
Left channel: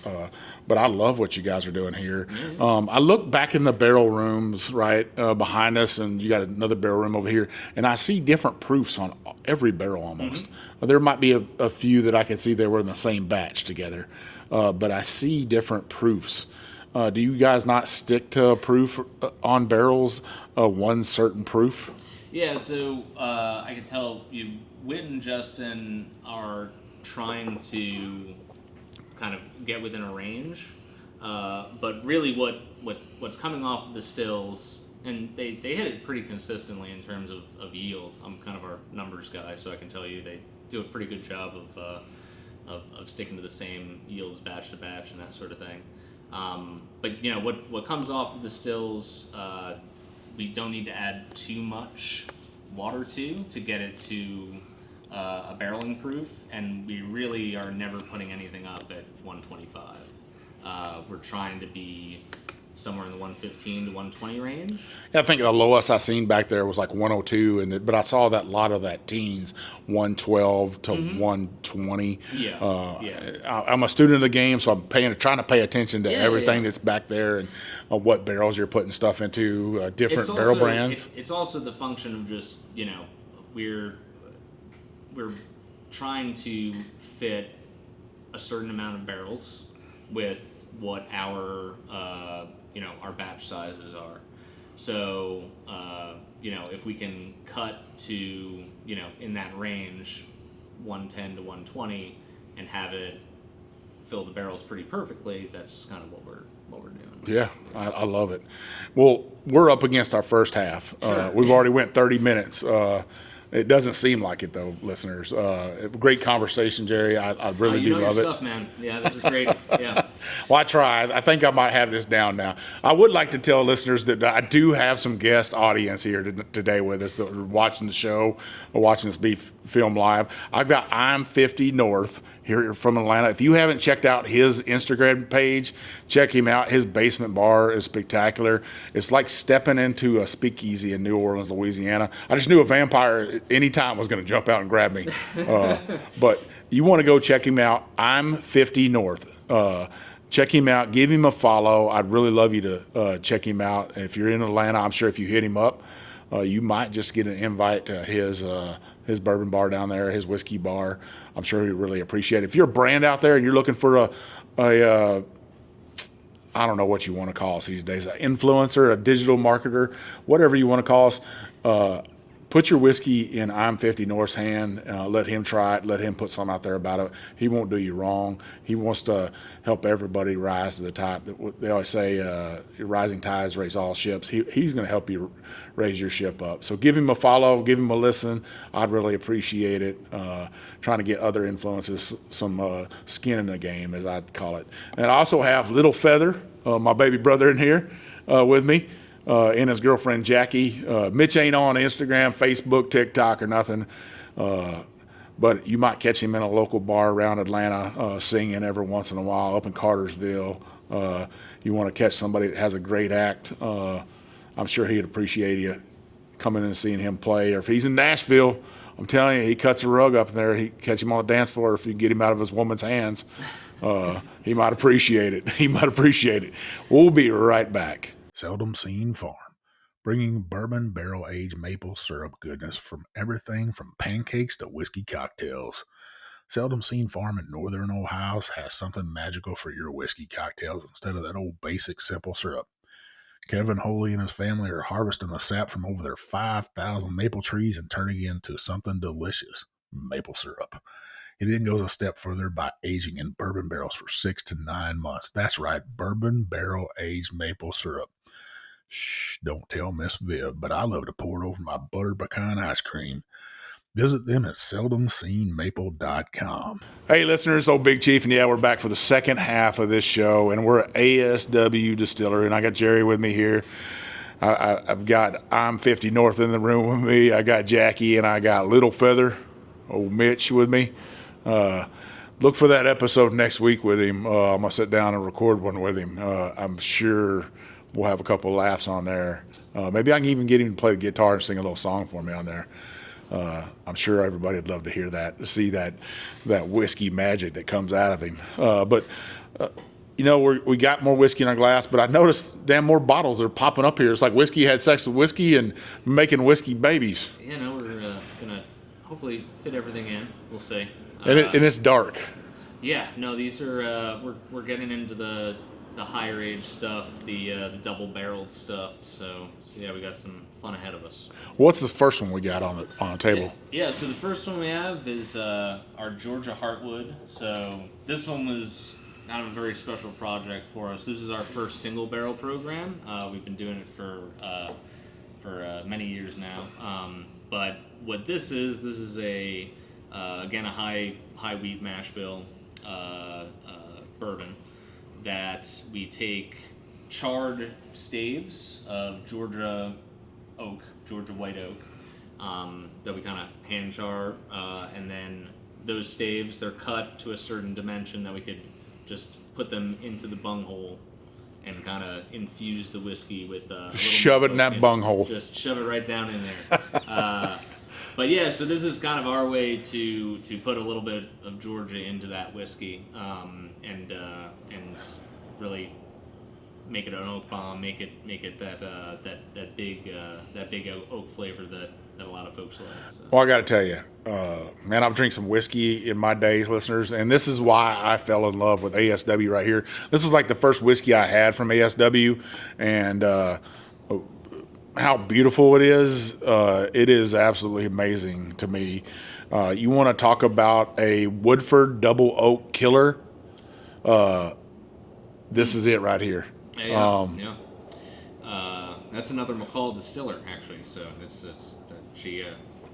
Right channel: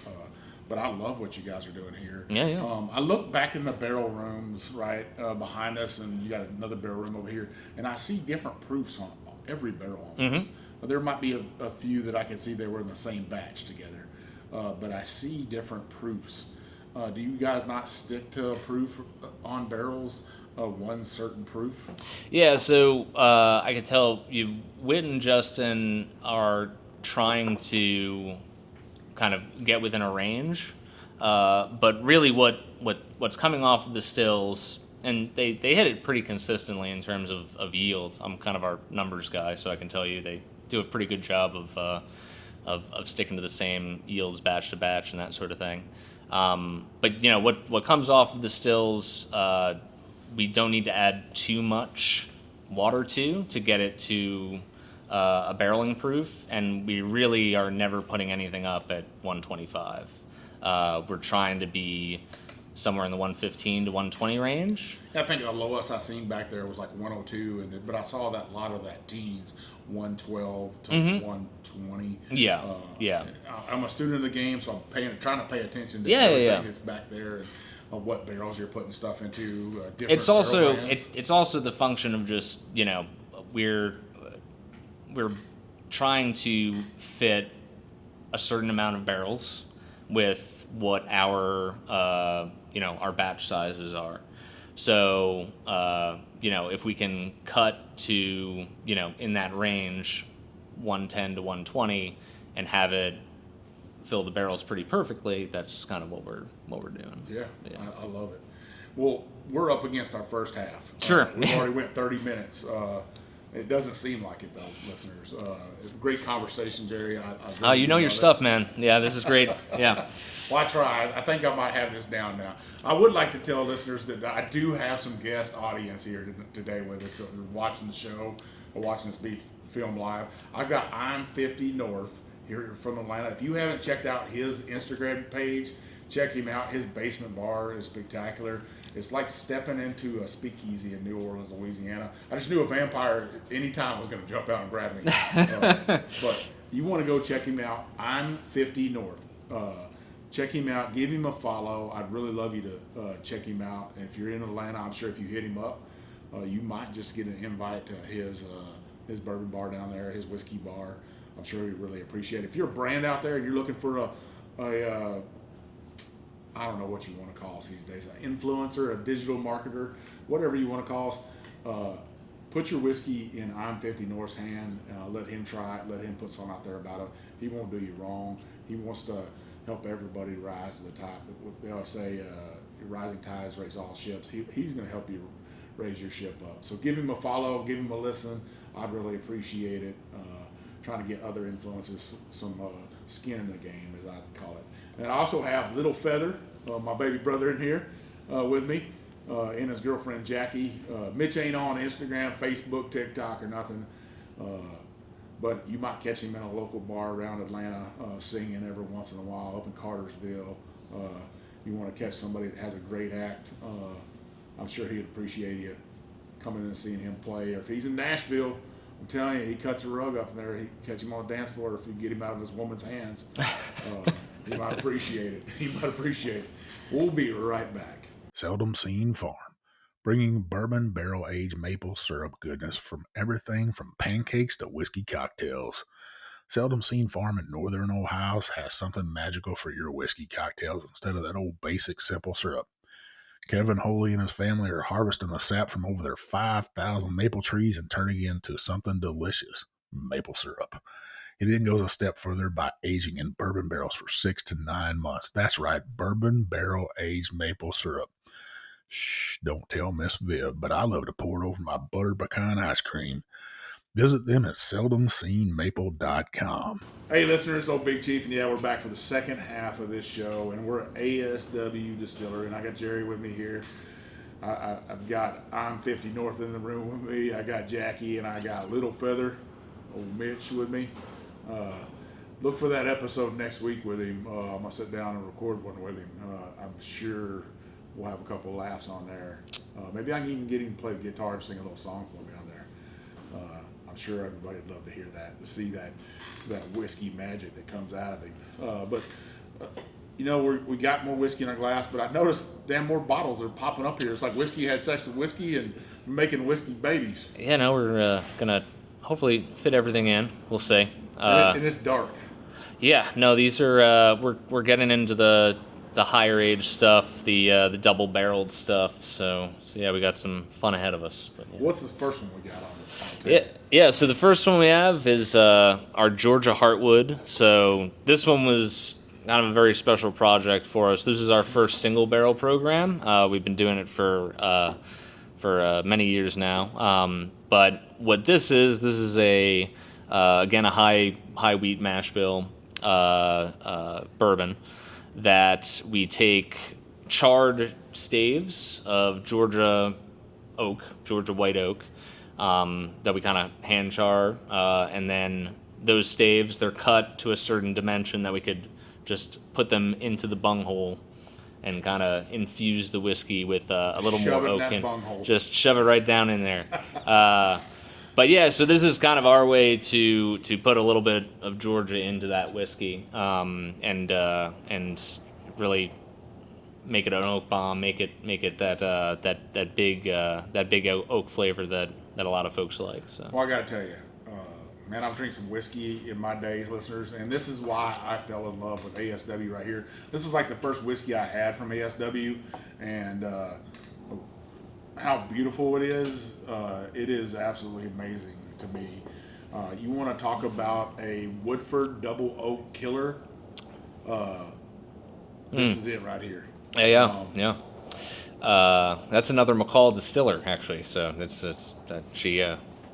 But I love what you guys are doing here. Yeah. I look back in the barrel rooms right behind us, and you got another barrel room over here, and I see different proofs on every barrel almost. There might be a few that I can see they were in the same batch together, but I see different proofs. Do you guys not stick to a proof on barrels, one certain proof? Yeah, so I can tell you, Whit and Justin are trying to kind of get within a range, but really what's coming off of the stills, and they hit it pretty consistently in terms of yield. I'm kind of our numbers guy, so I can tell you they do a pretty good job of sticking to the same yields batch to batch and that sort of thing. But what comes off of the stills, we don't need to add too much water to get it to a barreling proof, and we really are never putting anything up at 125. We're trying to be somewhere in the 115 to 120 range. Yeah, I think the lowest I seen back there was like 102, but I saw that lot of that teens 112 to 120. I'm a student of the game, so I'm trying to pay attention to everything that's back there and what barrels you're putting stuff into, different barrel brands. It's also the function of just we're trying to fit a certain amount of barrels with what our batch sizes are. So if we can cut to in that range 110 to 120, and have it fill the barrels pretty perfectly, that's kind of what we're doing. Yeah. I love it. Well, we're up against our first half. Sure. We've already went 30 minutes. It doesn't seem like it, though, listeners. Great conversation, Jerry. I really You do know love your it. stuff, man. Yeah, this is great. Yeah. Well, I tried. I think I might have this down now. I would like to tell listeners that I do have some guest audience here today with us that are watching the show or watching this be filmed live. I've got I'm 50 North here from Atlanta. If you haven't checked out his Instagram page, check him out. His basement bar is spectacular. It's like stepping into a speakeasy in New Orleans, Louisiana. I just knew a vampire anytime was going to jump out and grab me. But you want to go check him out. I'm 50 North. Check him out. Give him a follow. I'd really love you to check him out. If you're in Atlanta, I'm sure if you hit him up, you might just get an invite to his bourbon bar down there, his whiskey bar. I'm sure he'd really appreciate it. If you're a brand out there and you're looking for I don't know what you want to call us these days, an influencer, a digital marketer, whatever you want to call us, put your whiskey in I'm 50 North's hand. Let him try it. Let him put something out there about it. He won't do you wrong. He wants to help everybody rise to the top. They always say rising tides raise all ships. He's going to help you raise your ship up. So give him a follow. Give him a listen. I'd really appreciate it. Trying to get other influences, some skin in the game, as I'd call it. And I also have Little Feather, my baby brother in here with me, and his girlfriend Jackie. Mitch ain't on Instagram, Facebook, TikTok, or nothing. But you might catch him in a local bar around Atlanta singing every once in a while up in Cartersville. You want to catch somebody that has a great act. I'm sure he'd appreciate you coming in and seeing him play. Or if he's in Nashville, I'm telling you, he cuts a rug up in there. He catch him on the dance floor. If you get him out of his woman's hands, he might appreciate it. He might appreciate it. We'll be right back. Seldom Seen Farm, bringing bourbon barrel-aged maple syrup goodness from everything from pancakes to whiskey cocktails. Seldom Seen Farm in Northern Ohio has something magical for your whiskey cocktails instead of that old basic simple syrup. Kevin Holy and his family are harvesting the sap from over their 5,000 maple trees and turning it into something delicious, maple syrup. He then goes a step further by aging in bourbon barrels for 6 to 9 months. That's right, bourbon barrel-aged maple syrup. Shh, don't tell Miss Viv, but I love to pour it over my buttered pecan ice cream. Visit them at seldomseenmaple.com. Hey, listeners, old Big Chief, and yeah, we're back for the second half of this show, and we're at ASW Distillery, and I got Jerry with me here. I've got I'm 50 North in the room with me. I got Jackie, and I got Little Feather, old Mitch with me. Look for that episode next week with him. I'm going to sit down and record one with him. I'm sure we'll have a couple of laughs on there. Maybe I can even get him to play the guitar and sing a little song for me on there. I'm sure everybody would love to hear that, to see that whiskey magic that comes out of him. You know, we got more whiskey in our glass, but I noticed damn more bottles are popping up here. It's like whiskey had sex with whiskey and making whiskey babies. Yeah, no, we're gonna hopefully fit everything in. We'll see. And it's dark. Yeah, no, these are we're getting into the higher age stuff, the double barreled stuff. So yeah, we got some fun ahead of us. What's the first one we got on the table? Yeah. So the first one we have is our Georgia Heartwood. So this one was kind of a very special project for us. This is our first single barrel program. We've been doing it for many years now. But what this is a again a high wheat mash bill bourbon that we take charred staves of Georgia white oak, that we kind of hand char, and then those staves, they're cut to a certain dimension that we could just put them into the bunghole and kind of infuse the whiskey with a little shove more it in that bunghole. Just shove it right down in there. But yeah, so this is kind of our way to put a little bit of Georgia into that whiskey, and really make it an oak bomb, make it that big oak flavor that a lot of folks like. So. Well, I got to tell you, man, I've drank some whiskey in my days, listeners, and this is why I fell in love with ASW right here. This is like the first whiskey I had from ASW, and how beautiful it is absolutely amazing to me. You want to talk about a Woodford Double Oak Killer? This is it right here. Yeah. That's another McCall distiller, actually. So it's she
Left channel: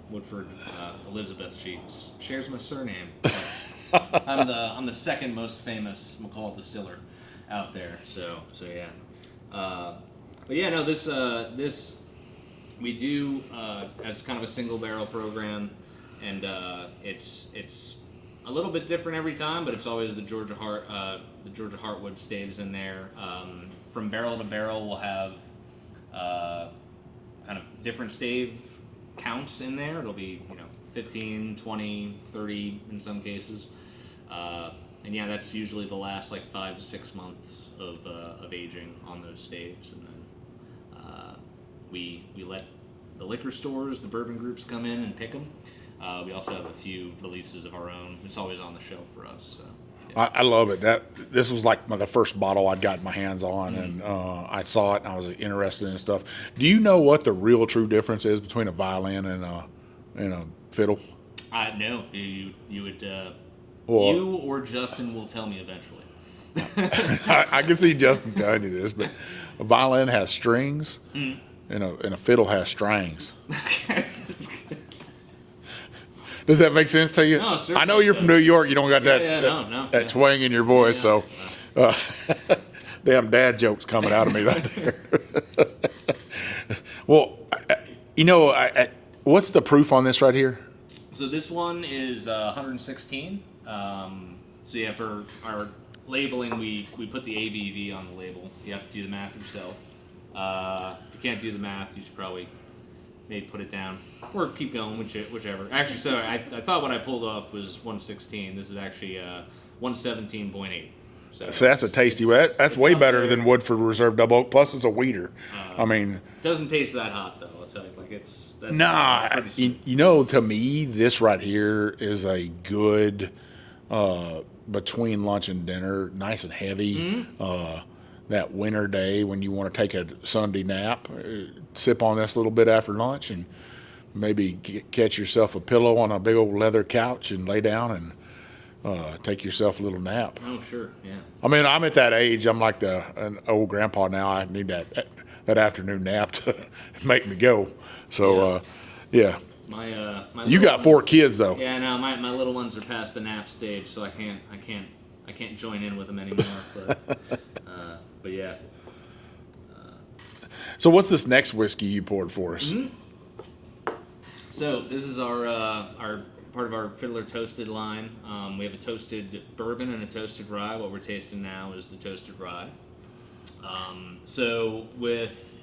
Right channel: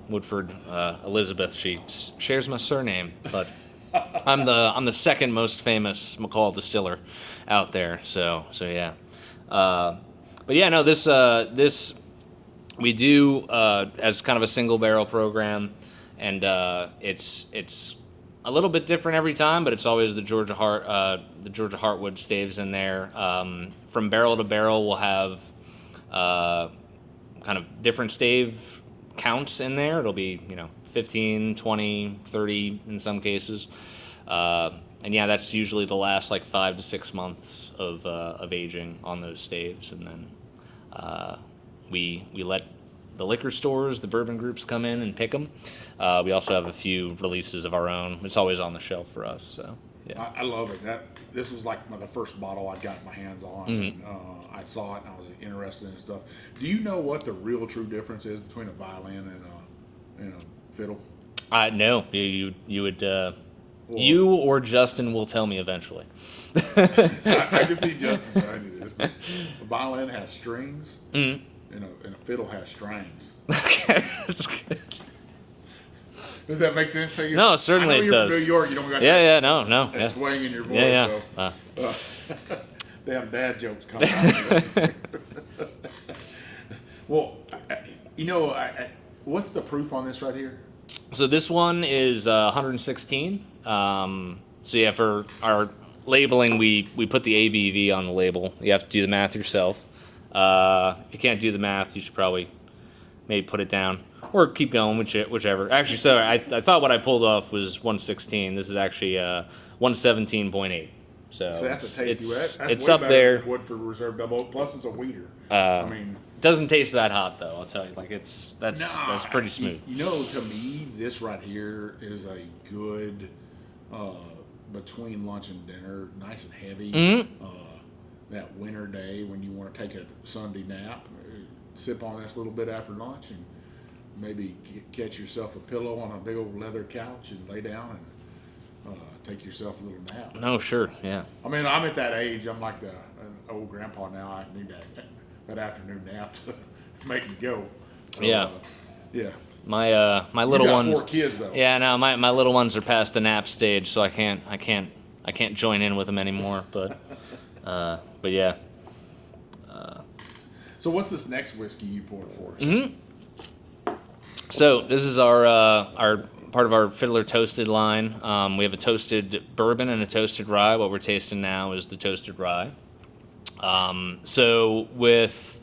Woodford Elizabeth. She shares my surname, but I'm the second most famous McCall distiller out there. So yeah. But yeah, no, this we do as kind of a single barrel program, and it's a little bit different every time, but it's always the Georgia Heartwood staves in there. From barrel to barrel, we'll have kind of different stave counts in there. It'll be 15, 20, 30 in some cases. And yeah, that's usually the last like 5 to 6 months of aging on those staves, and then we let the liquor stores, the bourbon groups come in and pick them. We also have a few releases of our own. It's always on the shelf for us. So yeah. I love it. This was like the first bottle I'd gotten my hands on, and I saw it and I was interested in stuff. Do you know what the real true difference is between a violin and a fiddle? No, you would. You or Justin will tell me eventually. I can see Justin telling you this, but a violin has strings, and a fiddle has strings. Okay, that's good. Does that make sense to you? No, certainly. I know you're from New York. You don't got that twang in your voice. Yeah. So, damn dad jokes coming out of me right there. Well, what's the proof on this right here? So this one is 116. So yeah, for our labeling, we put the ABV on the label. You have to do the math yourself. If you can't do the math, you should probably maybe put it down or keep going, whichever. Actually, so I thought what I pulled off was 116. This is actually 117.8. So that's a tasty. That's way better than Woodford Reserve Double Oak. Plus, it's a weeder. Doesn't taste that hot though. I'll tell you, like that's pretty smooth. To me, this right here is a good between lunch and dinner, nice and heavy. That winter day when you want to take a Sunday nap, sip on this a little bit after lunch, and maybe catch yourself a pillow on a big old leather couch and lay down and take yourself a little nap. Oh, sure, yeah. I'm at that age. I'm like an old grandpa now. I need that afternoon nap to make me go. So, yeah. My little you got 4 kids though. Yeah, no, my little ones are past the nap stage, so I can't join in with them anymore. But yeah. So what's this next whiskey you poured for us? So this is our part of our Fiddler Toasted line. We have a toasted bourbon and a toasted rye. What we're tasting now is the toasted rye. So with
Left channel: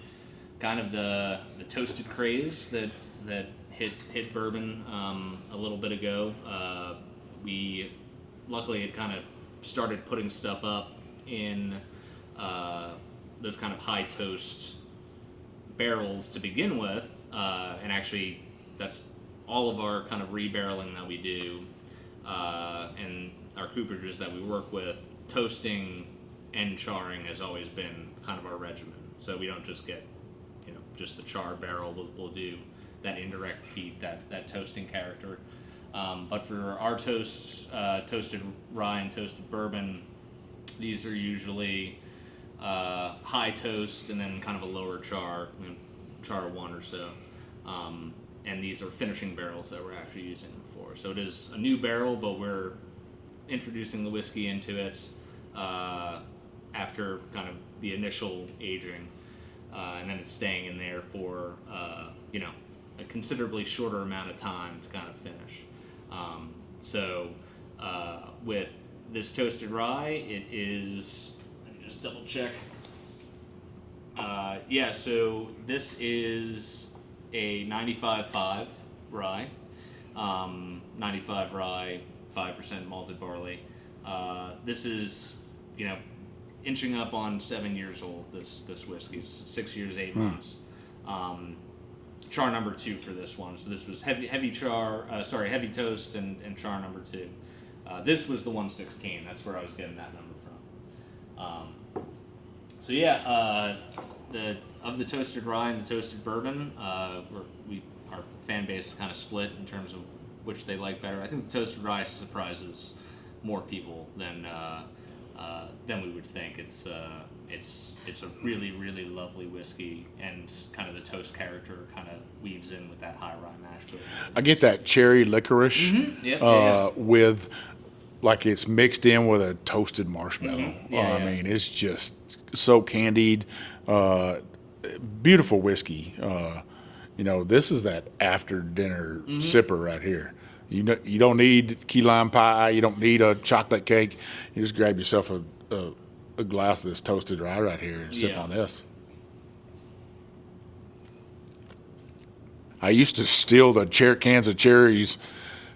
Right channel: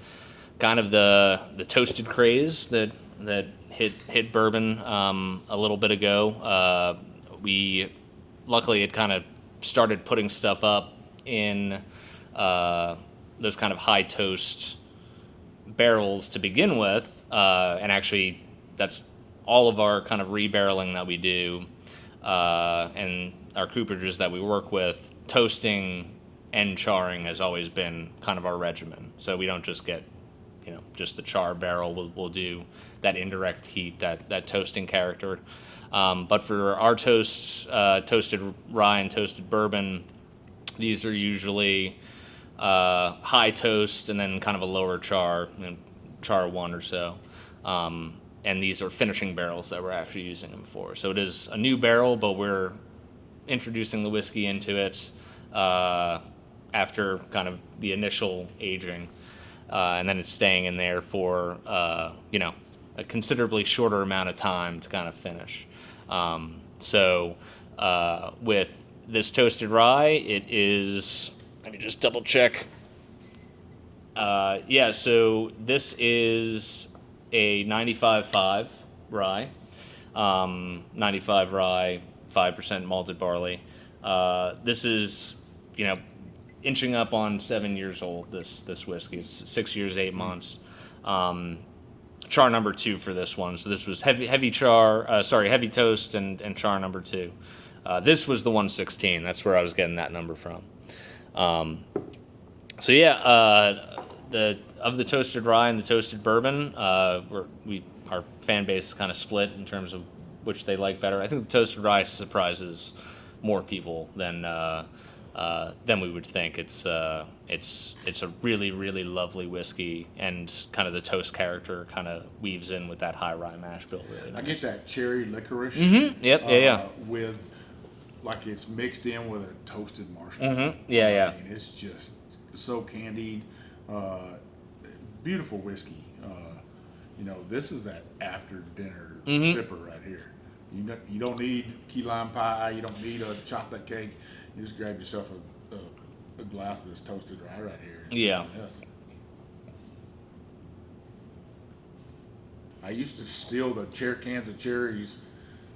kind of the toasted craze that hit bourbon a little bit ago, we luckily had kind of started putting stuff up in those kind of high toast barrels to begin with, and actually that's all of our kind of rebarreling that we do, and our cooperages that we work with. Toasting and charring has always been kind of our regimen. So we don't just get just the char barrel. We'll do that indirect heat, that toasting character. But for our toasted rye and toasted bourbon, these are usually high toast and then kind of a lower char, char 1 or so. And these are finishing barrels that we're actually using them for. So it is a new barrel, but we're introducing the whiskey into it after kind of the initial aging. And then it's staying in there for, a considerably shorter amount of time to kind of finish. So with this toasted rye, it is, let me just double check. So this is a 95.5 rye, 95 rye, 5% malted barley. This is, inching up on 7 years old, this whiskey. It's 6 years, 8 months. Char number 2 for this one. So this was heavy toast and char number 2. This was the 116. That's where I was getting that number from. Of the toasted rye and the toasted bourbon, our fan base is kind of split in terms of which they like better. I think the toasted rye surprises more people than we would think. It's a really, really lovely whiskey, and kind of the toast character kind of weaves in with that high rye mash bill. Really I get that cherry licorice. Mm-hmm. Yep. With, like, it's mixed in with a toasted marshmallow. Mm-hmm. I mean, it's just so candied. Beautiful whiskey. This is that after dinner sipper right here. You don't need key lime pie. You don't need a chocolate cake. You just grab yourself a glass of this toasted rye right here and sip on this. I used to steal the cans of cherries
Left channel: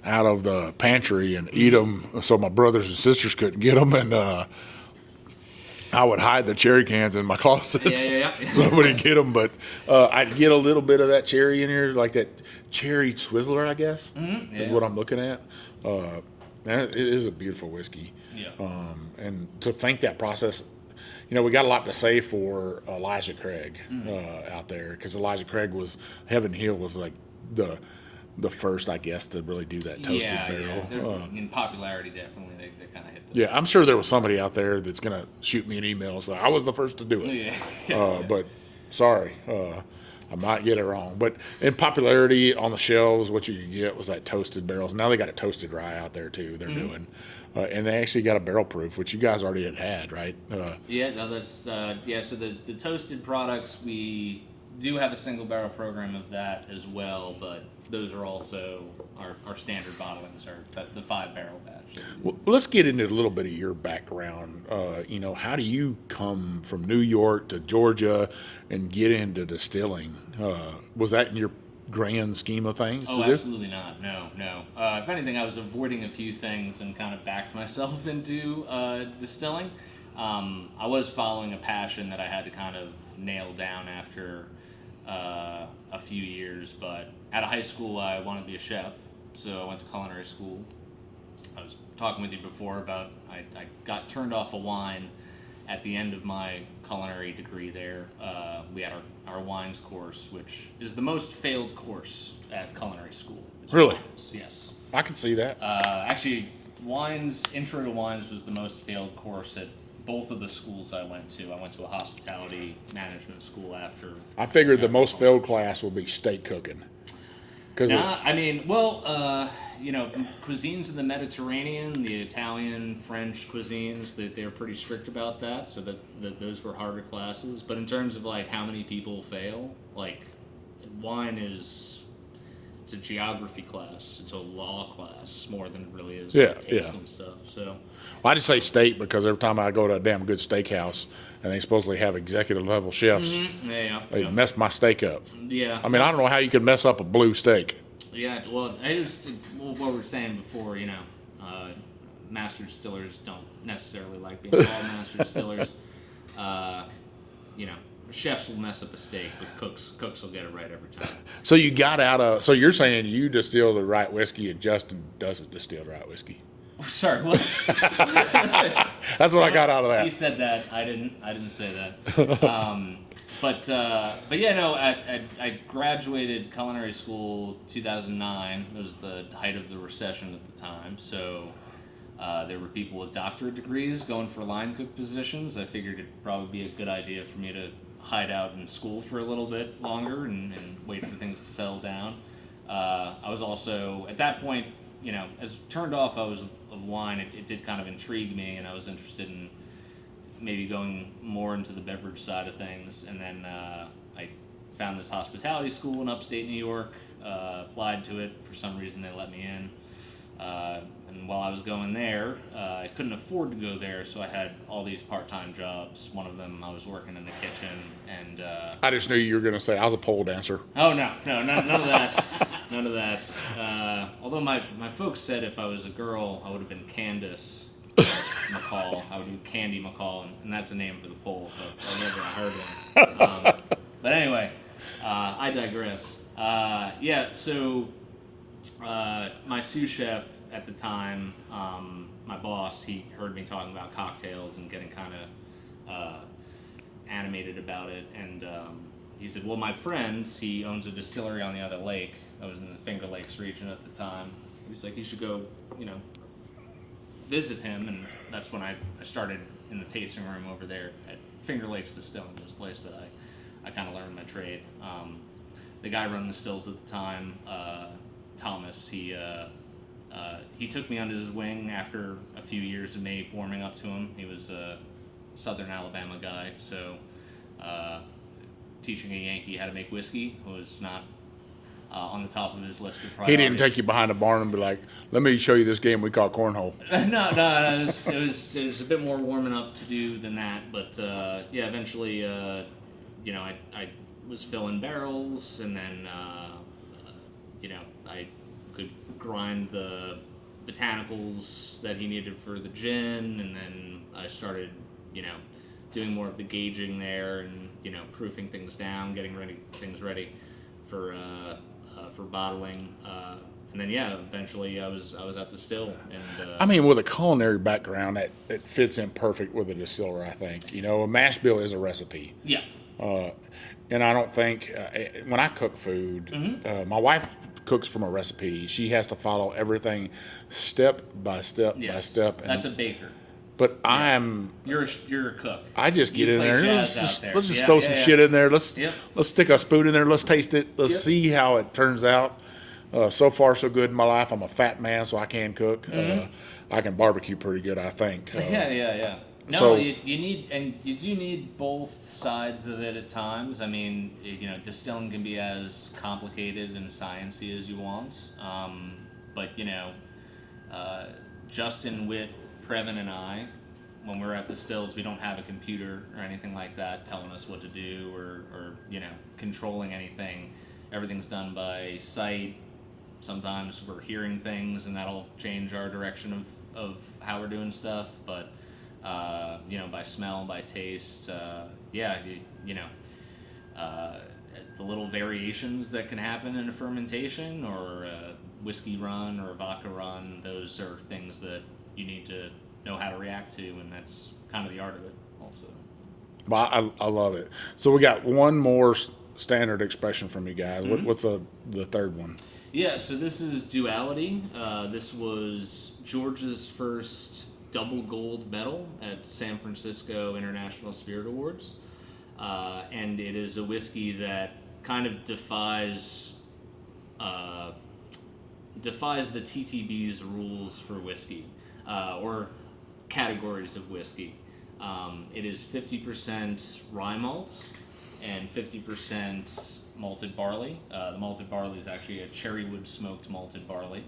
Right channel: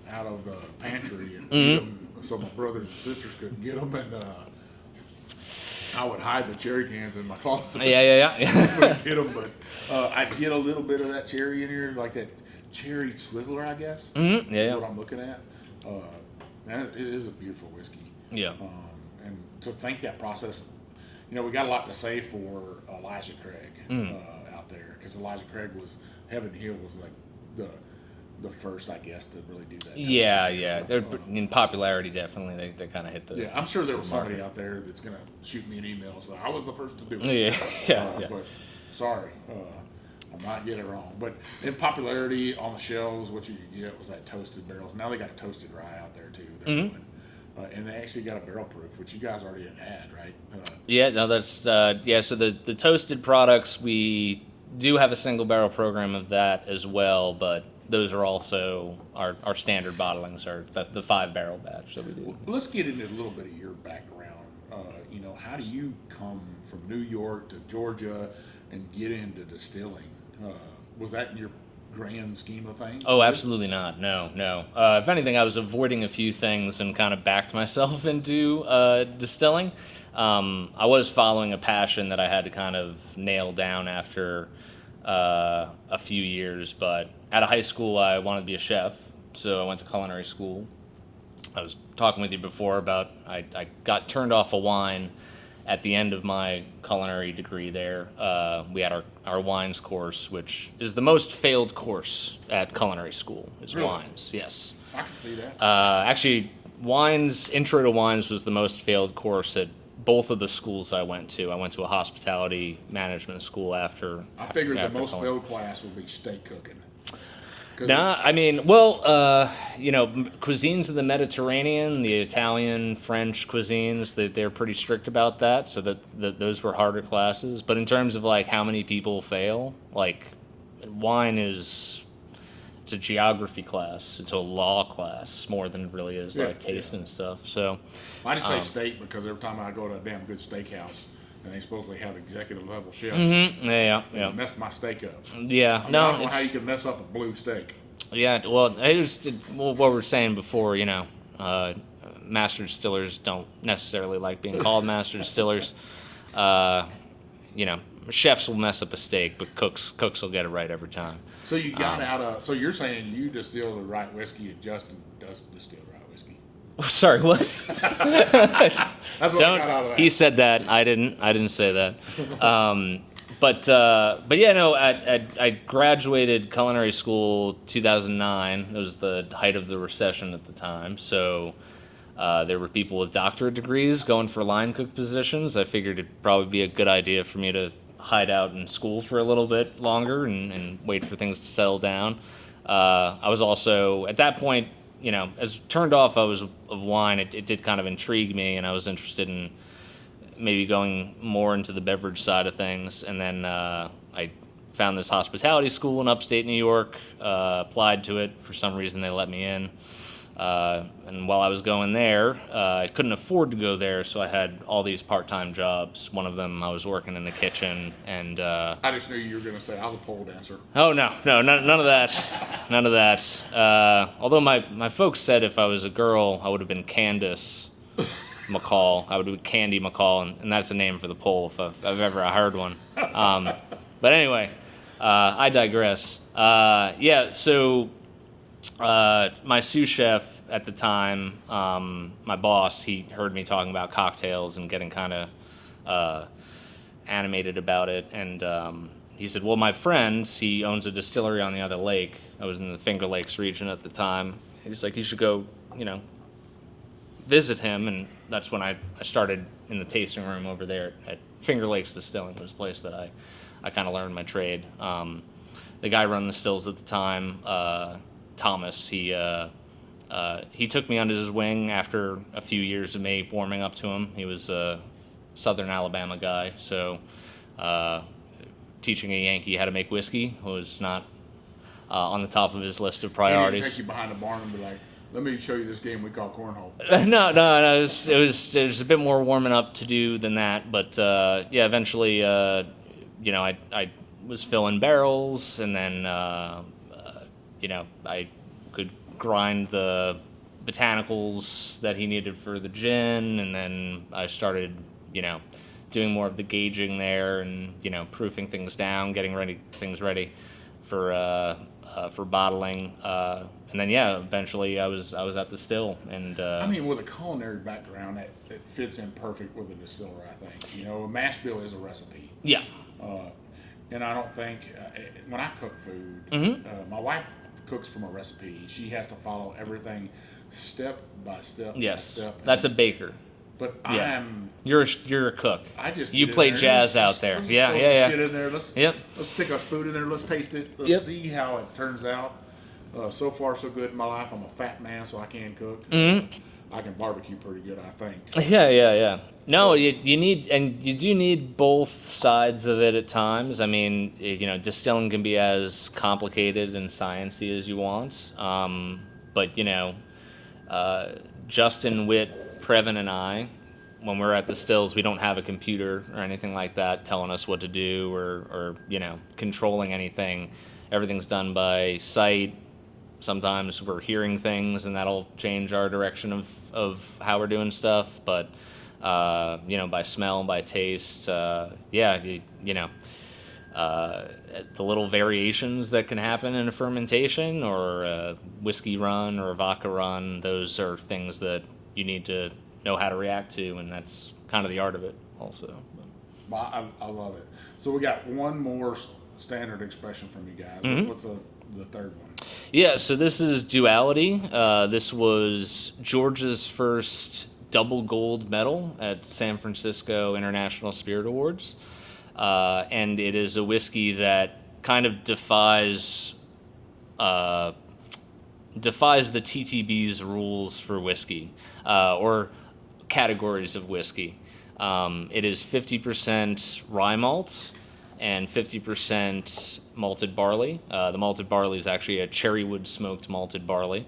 out of the pantry and eat them so my brothers and sisters couldn't get them, and I would hide the cherry cans in my closet. Yeah. So nobody could get them, but I'd get a little bit of that cherry in here, like that cherry Twizzler, I guess, is what I'm looking at. And it is a beautiful whiskey. Yeah. And to think that process, we got a lot to say for Elijah Craig out there, because Elijah Craig Heaven Hill was like the first, I guess, to really do that toasted barrel. They're, in popularity, definitely, they kind of hit the... Yeah, I'm sure there was somebody out there that's going to shoot me an email saying, I was the first to do it. But sorry, I might get it wrong. But in popularity on the shelves, what you could get was that toasted barrels. Now they got a toasted rye out there, too, they're doing. And they actually got a barrel proof, which you guys already had, right? That's... so the toasted products, we do have a single barrel program of that as well, but those are also our standard bottlings, are the 5-barrel batch that we do. Well, let's get into a little bit of your background. How do you come from New York to Georgia and get into distilling? Was that in your grand scheme of things? Oh, absolutely not. No. If anything, I was avoiding a few things and kind of backed myself into distilling. I was following a passion that I had to kind of nail down after a few years, but out of high school I wanted to be a chef, so I went to culinary school. I was talking with you before about I got turned off of wine at the end of my culinary degree there. We had our wines course, which is the most failed course at culinary school. It's really? Wines, yes. I can see that. Actually, Intro to Wines was the most failed course at both of the schools I went to. I went to a hospitality management school after. I figured the most failed class would be steak cooking. Cuisines of the Mediterranean, the Italian, French cuisines, they're pretty strict about that, so that those were harder classes. But in terms of like how many people fail, like wine it's a geography class, it's a law class more than it really is like taste and stuff. So I just say steak because every time I go to a damn good steakhouse and they supposedly have executive level chefs, they mess my steak up. Yeah, I don't know how you could mess up a blue steak. Yeah, well, what we were saying before, master distillers don't necessarily like being called master distillers. Chefs will mess up a steak, but cooks will get it right every time. So you got so you're saying you distill the right whiskey and Justin doesn't distill the right whiskey? Sorry, what? That's what I got out of that. He said that. I didn't say that. I graduated culinary school 2009. It was the height of the recession at the time. So there were people with doctorate degrees going for line cook positions. I figured it'd probably be a good idea for me to hide out in school for a little bit longer and wait for things to settle down. I was also, at that point, as turned off I was of wine, it did kind of intrigue me, and I was interested in maybe going more into the beverage side of things. And then I found this hospitality school in upstate New York, applied to it. For some reason, they let me in. And while I was going there, I couldn't afford to go there, so I had all these part-time jobs. One of them, I was working in the kitchen, and I just knew you were going to say I was a pole dancer. Oh, no, none of that. None of that. Although my folks said if I was a girl, I would have been Candace McCall. I would have been Candy McCall, and that's a name for the pole if I've ever heard one. But anyway, I digress. So my sous chef at the time, my boss, he heard me talking about cocktails and getting kind of animated about it, and he said, well, my friend, he owns a distillery on the other lake. I was in the Finger Lakes region at the time, he's like, you should go, visit him. And that's when I started in the tasting room over there at Finger Lakes Distilling. It was a place that I kind of learned my trade. The guy running the stills at the time, Thomas, he took me under his wing after a few years of me warming up to him. He was a Southern Alabama guy, so teaching a Yankee how to make whiskey was not on the top of his list of He priorities. didn't take you behind the barn and be like, "Let me show you this game we call cornhole." No. It was a bit more warming up to do than that. But eventually, I was filling barrels, and then I could grind the botanicals that he needed for the gin, and then I started, doing more of the gauging there, and proofing things down, getting things ready for bottling. And then eventually I was at the still, and with a culinary background, that fits in perfect with a distiller. I think a mash bill is a recipe. Yeah. And I don't think when I cook food, my wife cooks from a recipe. She has to follow everything step by step by step. That's a baker. But Yeah. You're a cook. I just You get play in there. jazz out there. Let's just throw some shit in there. Let's Yep. stick a spoon in there. Let's taste it. Let's Yep. see how it turns out. So far, so good in my life. I'm a fat man, so I can cook. I can barbecue pretty good, I think. Yeah. No, So- you do need both sides of it at times. I mean, distilling can be as complicated and sciencey as you want. But Justin, Witt, Previn, and I, when we're at the stills, we don't have a computer or anything like that telling us what to do or controlling anything. Everything's done by sight. Sometimes we're hearing things, and that'll change our direction of how we're doing stuff. But by smell, by taste, the little variations that can happen in a fermentation or a whiskey run or a vodka run, those are things that you need to know how to react to, and that's kind of the art of it also. But I love it. So we got one more standard expression from you guys. What's the third one? Yeah, so this is Duality. This was Georgia's first double gold medal at San Francisco International Spirit Awards. And it is a whiskey that kind of defies the TTB's rules for whiskey, or categories of whiskey. It is 50% rye malt and 50% malted barley. The malted barley is actually a cherrywood smoked malted barley.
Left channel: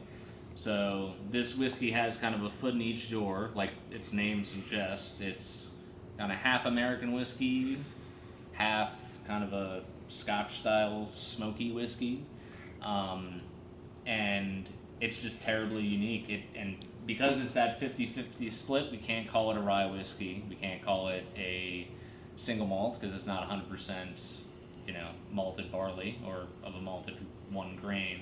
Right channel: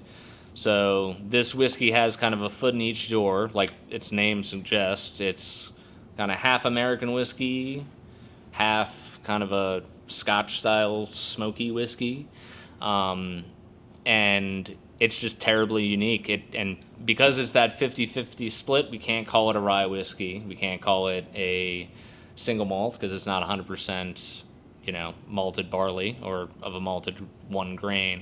So this whiskey has kind of a foot in each door, like its name suggests. It's kind of half American whiskey, half kind of a Scotch-style smoky whiskey, and it's just terribly unique. And because it's that 50-50 split, we can't call it a rye whiskey. We can't call it a single malt because it's not 100%, malted barley or of a malted one grain.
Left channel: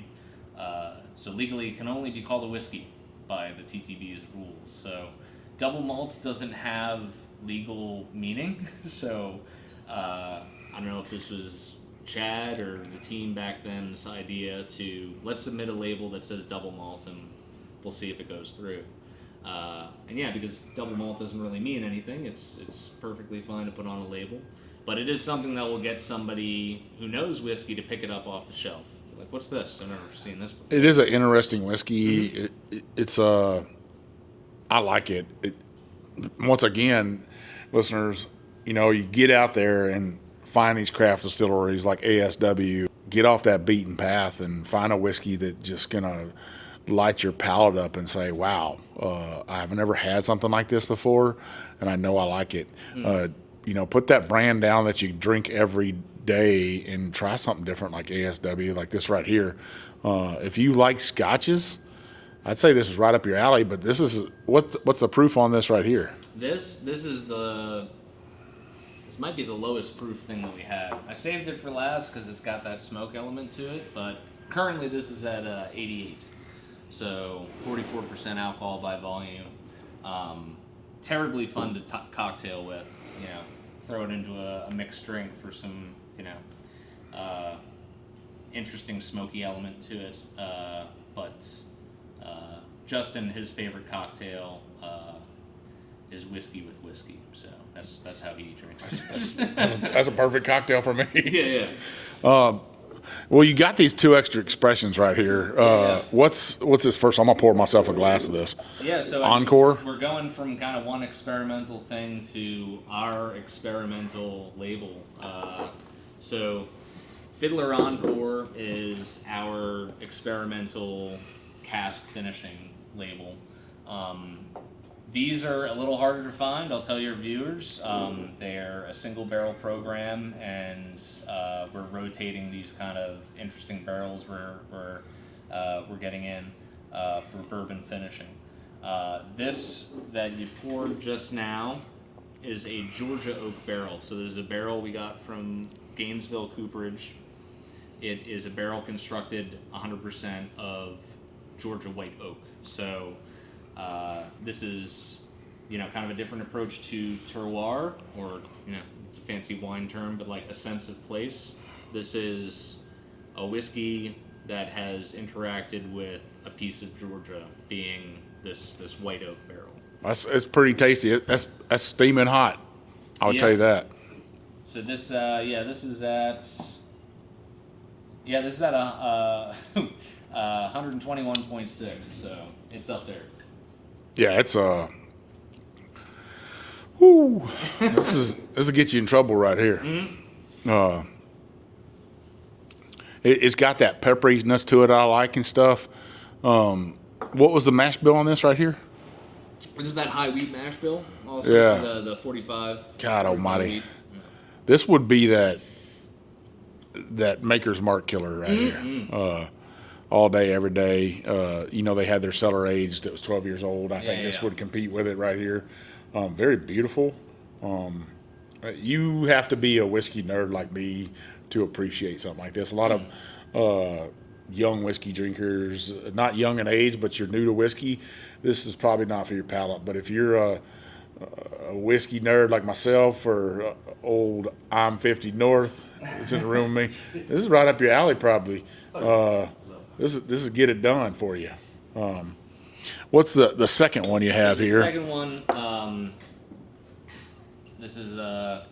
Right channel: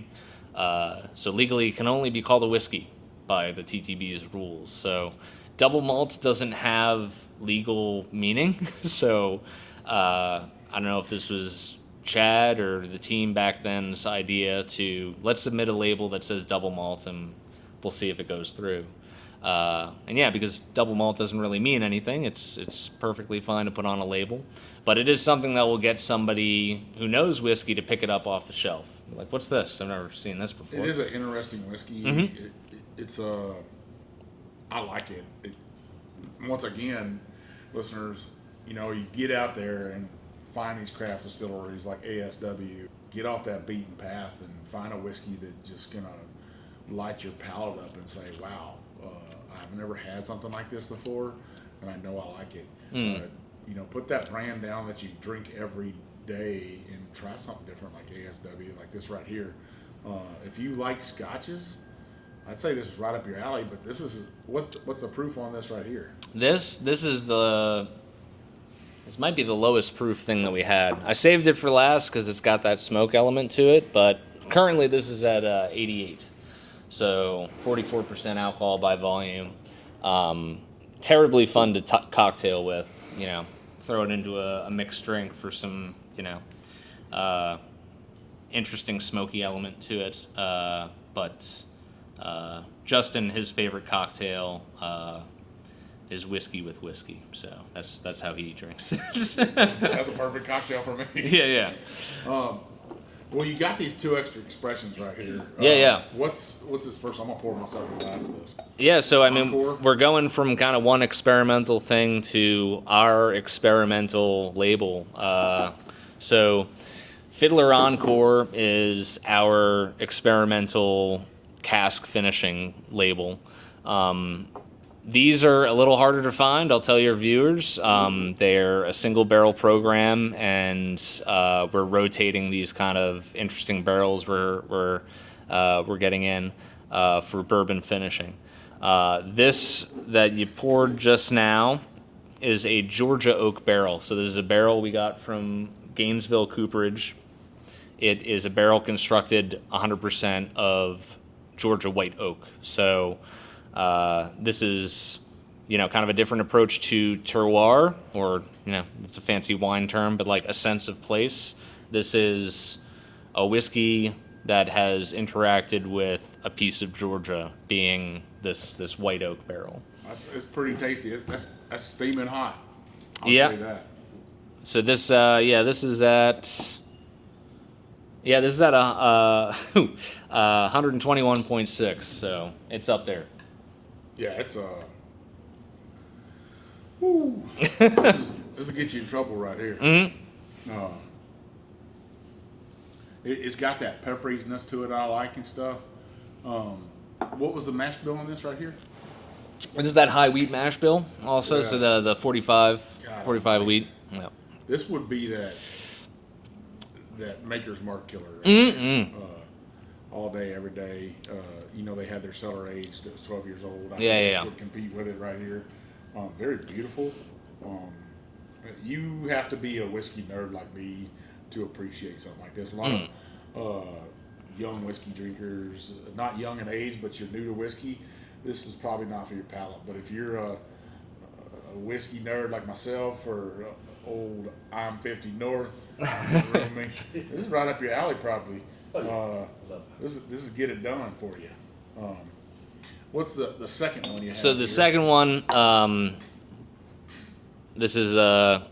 So legally, it can only be called a whiskey by the TTB's rules. So double malt doesn't have legal meaning. So I don't know if this was Chad or the team back then's idea to let's submit a label that says double malt and we'll see if it goes through. Because double malt doesn't really mean anything. It's perfectly fine to put on a label, but it is something that will get somebody who knows whiskey to pick it up off the shelf. Like, what's this? I've never seen this before. It is an interesting whiskey. It's I like it. Once again, listeners, you get out there and find these craft distilleries like ASW. Get off that beaten path and find a whiskey that just gonna light your palate up and say, "Wow, I've never had something like this before, and I know I like it." Put that brand down that you drink every day and try something different like ASW, like this right here. If you like scotches, I'd say this is right up your alley. But this is what's the proof on this right here? This might be the lowest proof thing that we had. I saved it for last because it's got that smoke element to it. But currently, this is at 88, so 44% alcohol by volume. Terribly fun to cocktail with. Throw it into a mixed drink for some interesting smoky element to it. But Justin, his favorite cocktail is whiskey with whiskey. So that's how he drinks. That's a perfect cocktail for me. Yeah. Well, you got these two extra expressions right here. Yeah. What's this first? I'm gonna pour myself a glass of this. Yeah, so I mean, Encore? we're going from kind of one experimental thing to our experimental label. So Fiddler Encore is our experimental cask finishing label. These are a little harder to find, I'll tell your viewers. They're a single barrel program, and we're rotating these kind of interesting barrels we're getting in for bourbon finishing. This that you poured just now is a Georgia oak barrel. So this is a barrel we got from Gainesville Cooperage. It is a barrel constructed 100% of Georgia white oak. So this is, kind of a different approach to terroir, or, it's a fancy wine term, but like a sense of place. This is a whiskey that has interacted with a piece of Georgia, being this white oak barrel. It's pretty tasty. That's steaming hot. I'll tell you that. So this is at 121.6. So it's up there. Yeah, it's this will get you in trouble right here. Mm-hmm. It's got that pepperiness to it I like and stuff. What was the mash bill on this right here? This is that high wheat mash bill. Also, Yeah. so the 45 almighty. wheat. Yeah. This would be that Maker's Mark killer right here. All day, every day. They had their cellar aged. It was 12 years old. I think this would compete with it right here. Very beautiful. You have to be a whiskey nerd like me to appreciate something like this. A lot of young whiskey drinkers, not young in age, but you're new to whiskey, this is probably not for your palate. But if you're a whiskey nerd like myself, or old I'm 50 North is in the room with me, this is right up your alley probably. This is get it done for you. What's the second one you have So the here? second one, this is a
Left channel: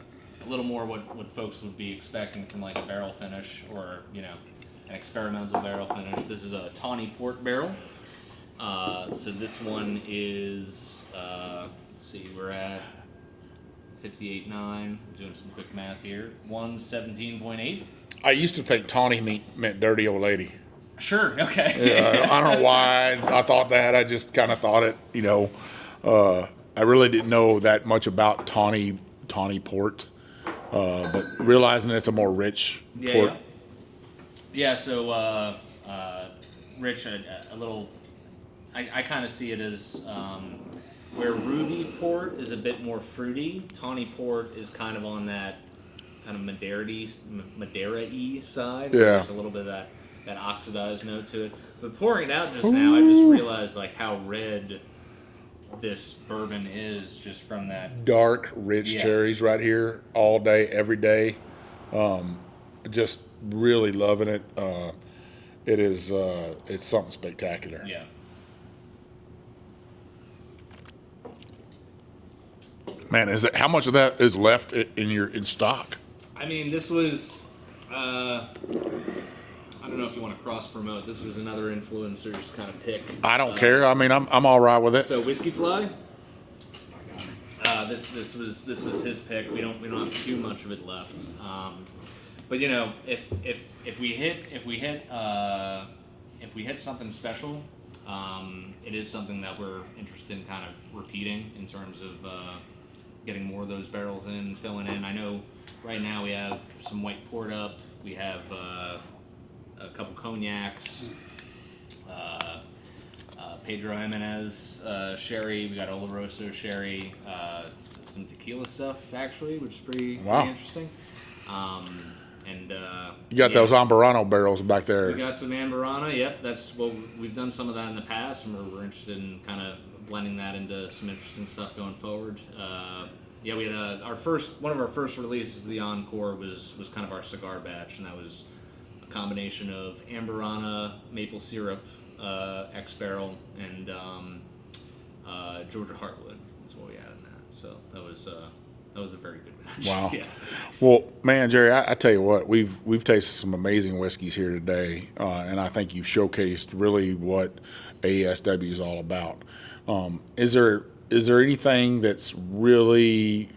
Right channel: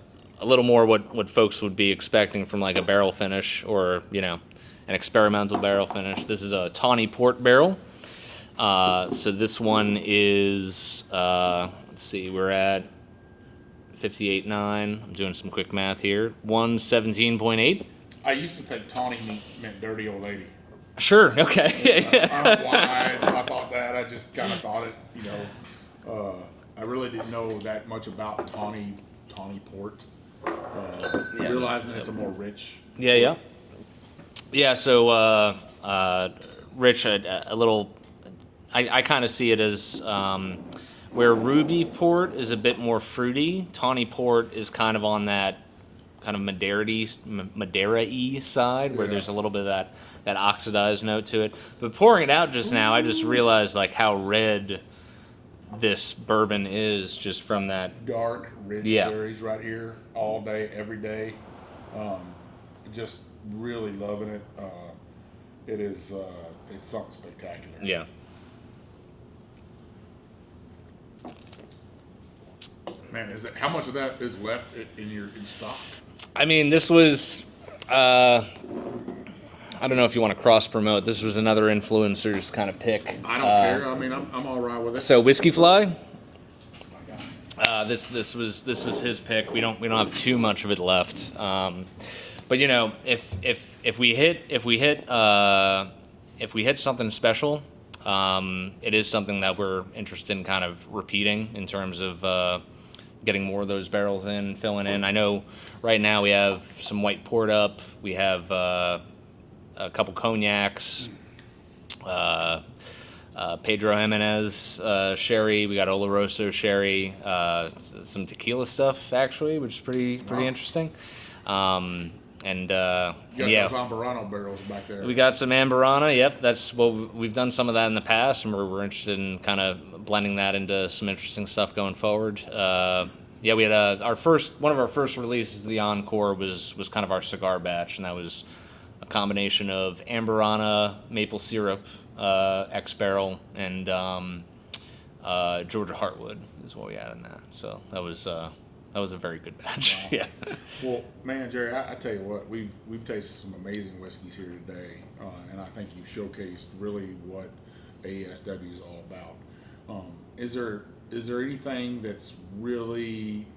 little more what folks would be expecting from like a barrel finish, or an experimental barrel finish. This is a tawny port barrel. So this one is let's see, we're at 58.9. I'm doing some quick math here. 117.8. I used to think tawny meant dirty old lady. Sure. Okay. I don't know why I thought that. I just kind of thought it. I really didn't know that much about tawny port, but realizing it's a more rich port. Yeah. So rich, a little. I kind of see it as where ruby port is a bit more fruity. Tawny port is kind of on that kind of Madeira-y side, where there's a little bit of that oxidized note to it. But pouring it out just now, I just realized like how red this bourbon is just from that Dark, rich cherries right here, all day, every day. Just really loving it. It is. It's something spectacular. Yeah. Man, how much of that is left in stock? I mean, this was. I don't know if you want to cross promote. This was another influencer's kind of pick. I don't care. I mean, I'm all right with it. So Whiskey Fly. This was his pick. We don't have too much of it left. But if we hit something special, it is something that we're interested in kind of repeating in terms of getting more of those barrels in, filling in. I know right now we have some white port up. We have a couple cognacs, Pedro Jimenez sherry. We got Oloroso sherry, some tequila stuff actually, which is pretty interesting. You got those Ambarano barrels back there. We got some Ambarana. Yep, that's what we've done some of that in the past, and we're interested in kind of blending that into some interesting stuff going forward. We had one of our first releases of the Encore was kind of our cigar batch, and that was a combination of Ambarana, maple syrup, X Barrel, and Georgia Heartwood is what we had in that. So that was a very good batch. Wow. Yeah. Well, man, Jerry, I tell you what, we've tasted some amazing whiskeys here today, and I think you've showcased really what ASW is all about. Is there anything that's really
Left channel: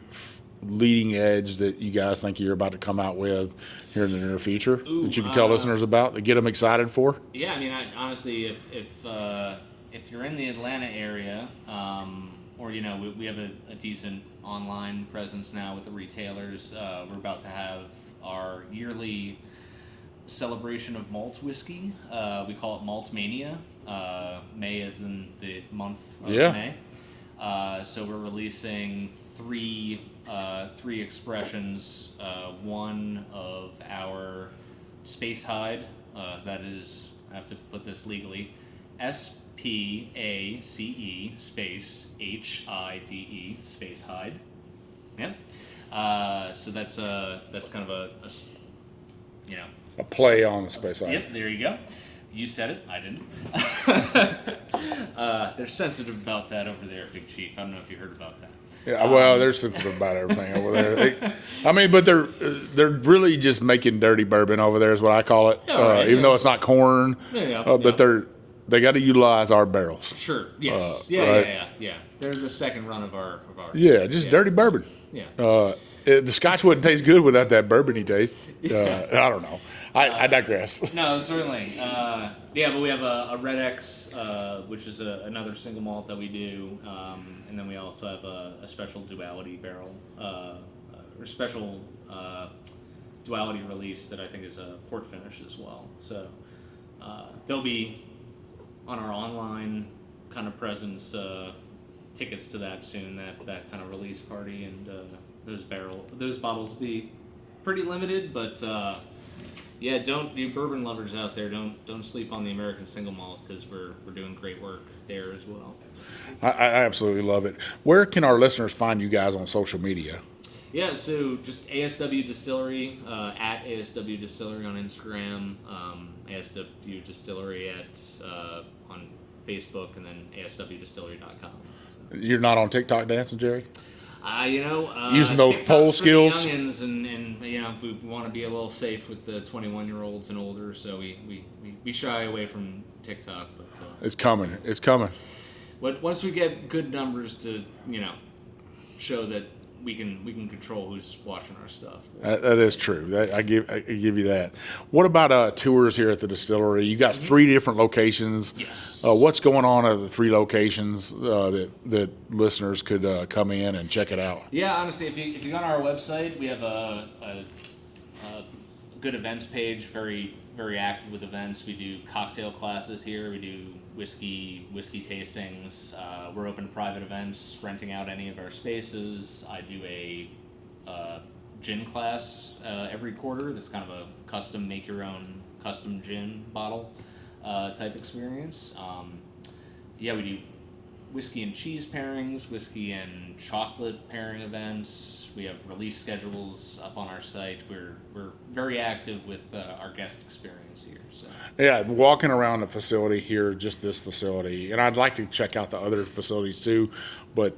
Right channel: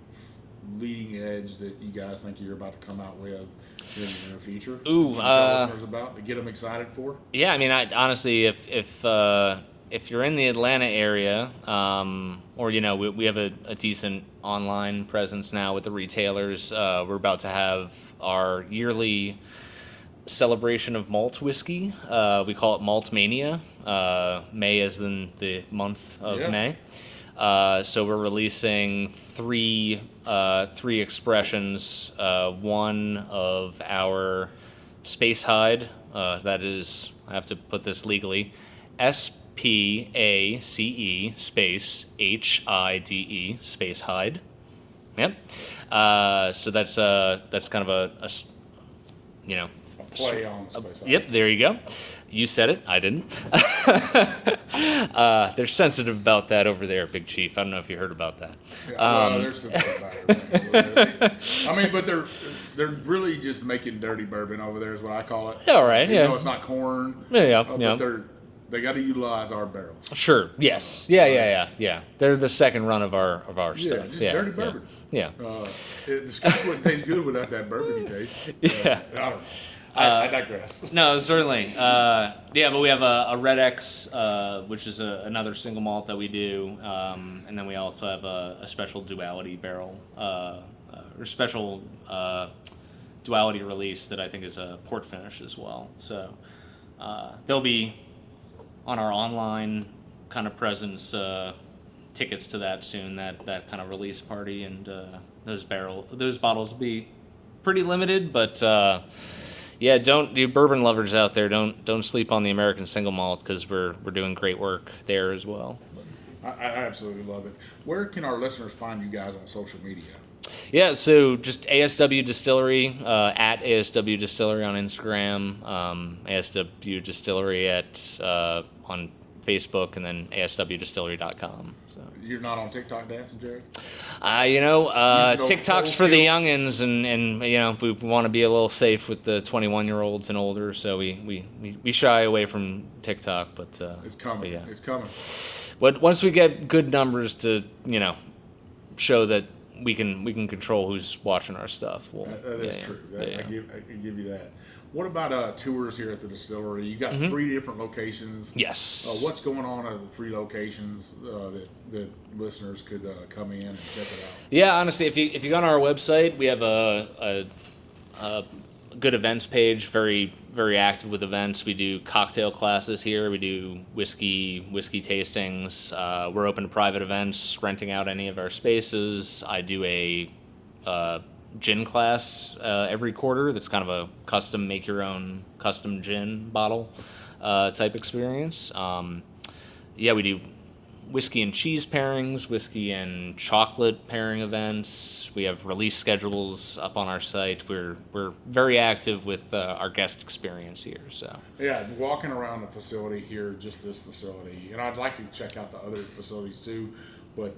leading edge that you guys think you're about to come out with here in the near future that you can tell listeners about to get them excited for? Yeah, I mean, honestly, if you're in the Atlanta area, or we have a decent online presence now with the retailers. We're about to have our yearly celebration of malt whiskey. We call it Malt Mania. May is in the month of May. So we're releasing three expressions. One of our Space Hide. That is, I have to put this legally, SPACE space HIDE Space Hide. Yep. So that's kind of a play on Space Hide. Yep. There you go. You said it. I didn't. They're sensitive about that over there, Big Chief. I don't know if you heard about that. Yeah, well, they're sensitive about everything over there. But they're really just making dirty bourbon over there, is what I call it. Yeah, right. Even though it's not corn. But they got to utilize our barrels. Sure. Yes. Yeah. They're the second run of our Yeah, just dirty bourbon. Yeah. The Scotch wouldn't taste good without that bourbony taste. I don't know. I digress. No, certainly. But we have a Red X, which is another single malt that we do, and then we also have a special duality barrel, or special duality release that I think is a port finish as well. So they'll be on our online kind of presence, tickets to that soon, that kind of release party, and those bottles will be pretty limited, but. Yeah, you bourbon lovers out there, don't sleep on the American single malt, because we're doing great work there as well. I absolutely love it. Where can our listeners find you guys on social media? Yeah, so just ASW Distillery, at ASW Distillery on Instagram, ASW Distillery on Facebook, and then ASWDistillery.com. So. You're not on TikTok dancing, Jerry? TikTok's for the youngins, and we want to be a little safe with the 21-year-olds and older, so we shy away from TikTok, but it's coming. It's coming. But once we get good numbers to show that we can control who's watching our stuff. That is true. I give you that. What about tours here at the distillery? You got 3 different locations. Yes. What's going on at the 3 locations that listeners could come in and check it out? Yeah, honestly, if you go on our website, we have a good events page. Very very active with events. We do cocktail classes here. We do whiskey tastings. We're open to private events, renting out any of our spaces. I do a gin class every quarter. That's kind of a custom, make your own custom gin bottle type experience. We do whiskey and cheese pairings, whiskey and chocolate pairing events. We have release schedules up on our site. We're very active with our guest experience here. So yeah, walking around the facility here, just this facility, and I'd like to check out the other facilities too, but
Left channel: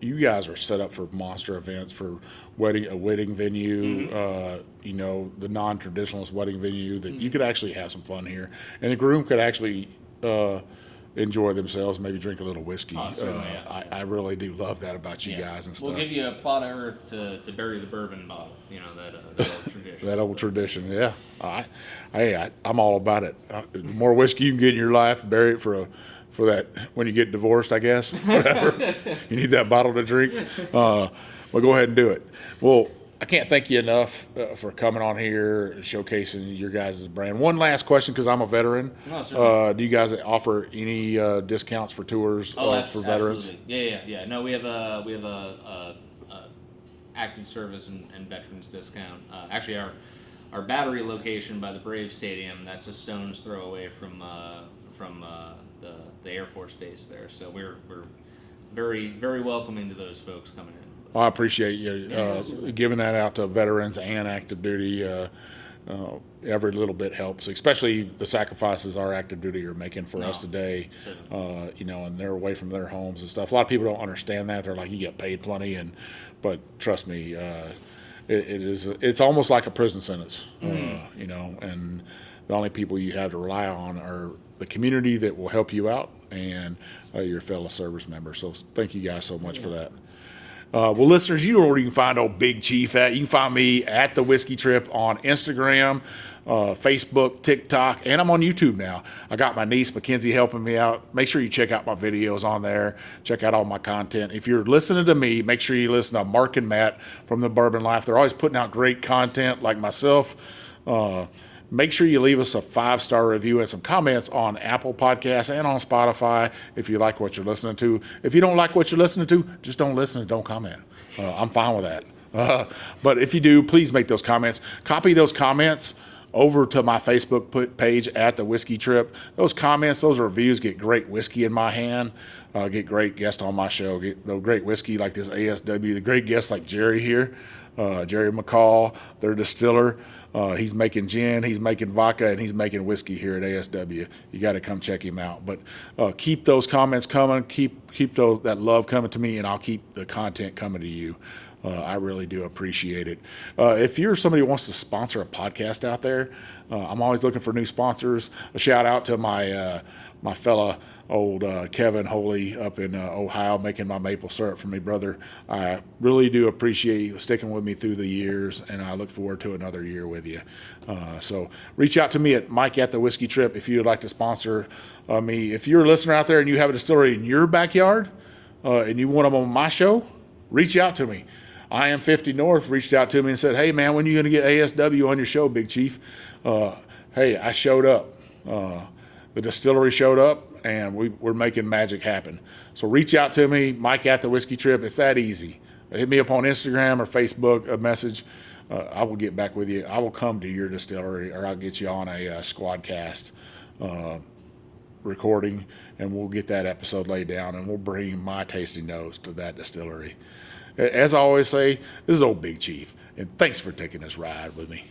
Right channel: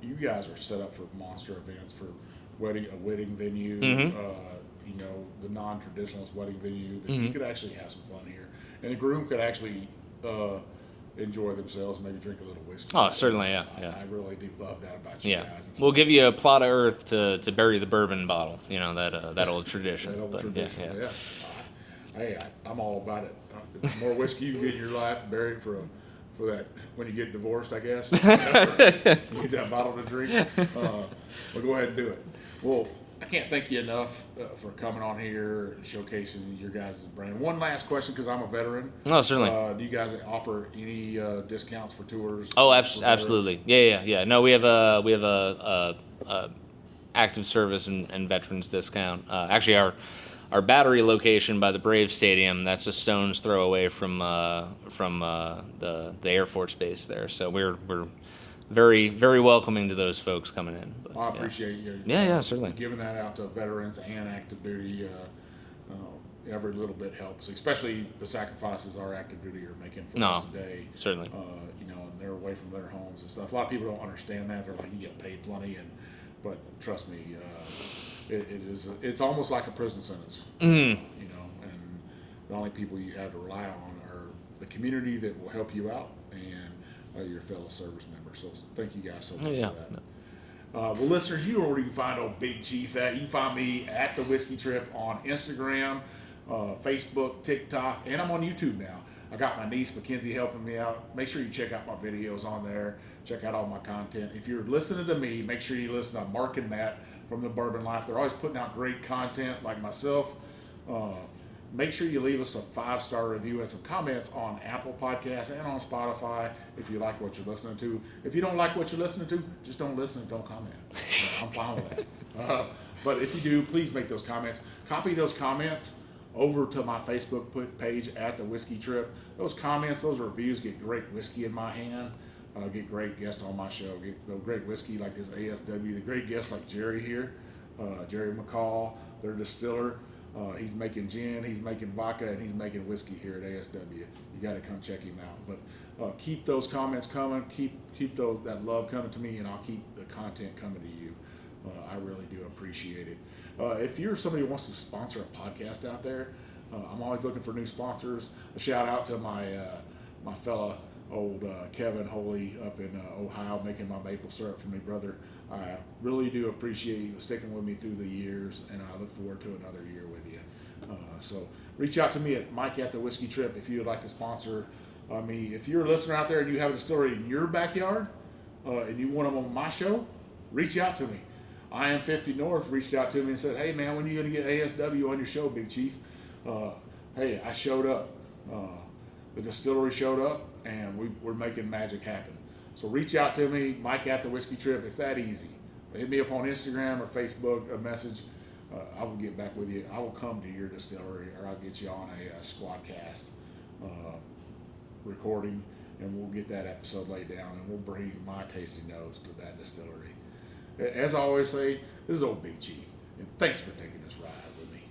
you guys are set up for monster events, for a wedding venue, the non-traditionalist wedding venue that you could actually have some fun here, and the groom could actually enjoy themselves, maybe drink a little whiskey. Oh, certainly, I really do love that about you guys. And stuff. We'll give you a plot of earth to bury the bourbon bottle. That old tradition. That old tradition, yeah. I'm all about it. The more whiskey you can get in your life, bury it for that when you get divorced, I guess. Whatever. You need that bottle to drink. Well, go ahead and do it. Well, I can't thank you enough for coming on here and showcasing your guys' brand. One last question, because I'm a veteran. No, certainly. Do you guys offer any discounts for tours? Oh, absolutely. Yeah. No, we have a active service and veterans discount. Actually, our battery location by the Brave Stadium, that's a stone's throw away from the Air Force Base there. So we're very, very welcoming to those folks coming in. Well, I appreciate you certainly. giving that out to veterans and active duty. Every little bit helps, especially the sacrifices our active duty are making for us today. Certainly. And they're away from their homes and stuff. A lot of people don't understand that. They're like, you get paid plenty, but trust me, it's almost like a prison sentence. And the only people you have to rely on are the community that will help you out and your fellow service members. So thank you guys so much for that. Well, listeners, you know where you can find old Big Chief at. You can find me at The Whiskey Trip on Instagram, Facebook, TikTok, and I'm on YouTube now. I got my niece, Mackenzie, helping me out. Make sure you check out my videos on there. Check out all my content. If you're listening to me, make sure you listen to Mark and Matt from The Bourbon Life. They're always putting out great content like myself. Make sure you leave us a 5-star review and some comments on Apple Podcasts and on Spotify if you like what you're listening to. If you don't like what you're listening to, just don't listen and don't comment. I'm fine with that. But if you do, please make those comments. Copy those comments over to my Facebook page at The Whiskey Trip. Those comments, those reviews get great whiskey in my hand. Get great guests on my show. Get the great whiskey like this ASW. The great guests like Jerry here, Jerry McCall, their distiller. He's making gin, he's making vodka, and he's making whiskey here at ASW. You got to come check him out. But keep those comments coming. Keep that love coming to me, and I'll keep the content coming to you. I really do appreciate it. If you're somebody who wants to sponsor a podcast out there, I'm always looking for new sponsors. A shout out to my fella old Kevin Holy up in Ohio, making my maple syrup for me, brother. I really do appreciate you sticking with me through the years, and I look forward to another year with you. So reach out to me at Mike at The Whiskey Trip if you would like to sponsor me. If you're a listener out there and you have a distillery in your backyard and you want them on my show, reach out to me. I Am 50 North reached out to me and said, hey, man, when are you going to get ASW on your show, Big Chief? Hey, I showed up. The distillery showed up, and we're making magic happen. So reach out to me, Mike at The Whiskey Trip. It's that easy. Hit me up on Instagram or Facebook, a message. I will get back with you. I will come to your distillery, or I'll get you on a Squadcast recording, and we'll get that episode laid down, and we'll bring my tasting notes to that distillery. As I always say, this is old Big Chief, and thanks for taking this ride with me.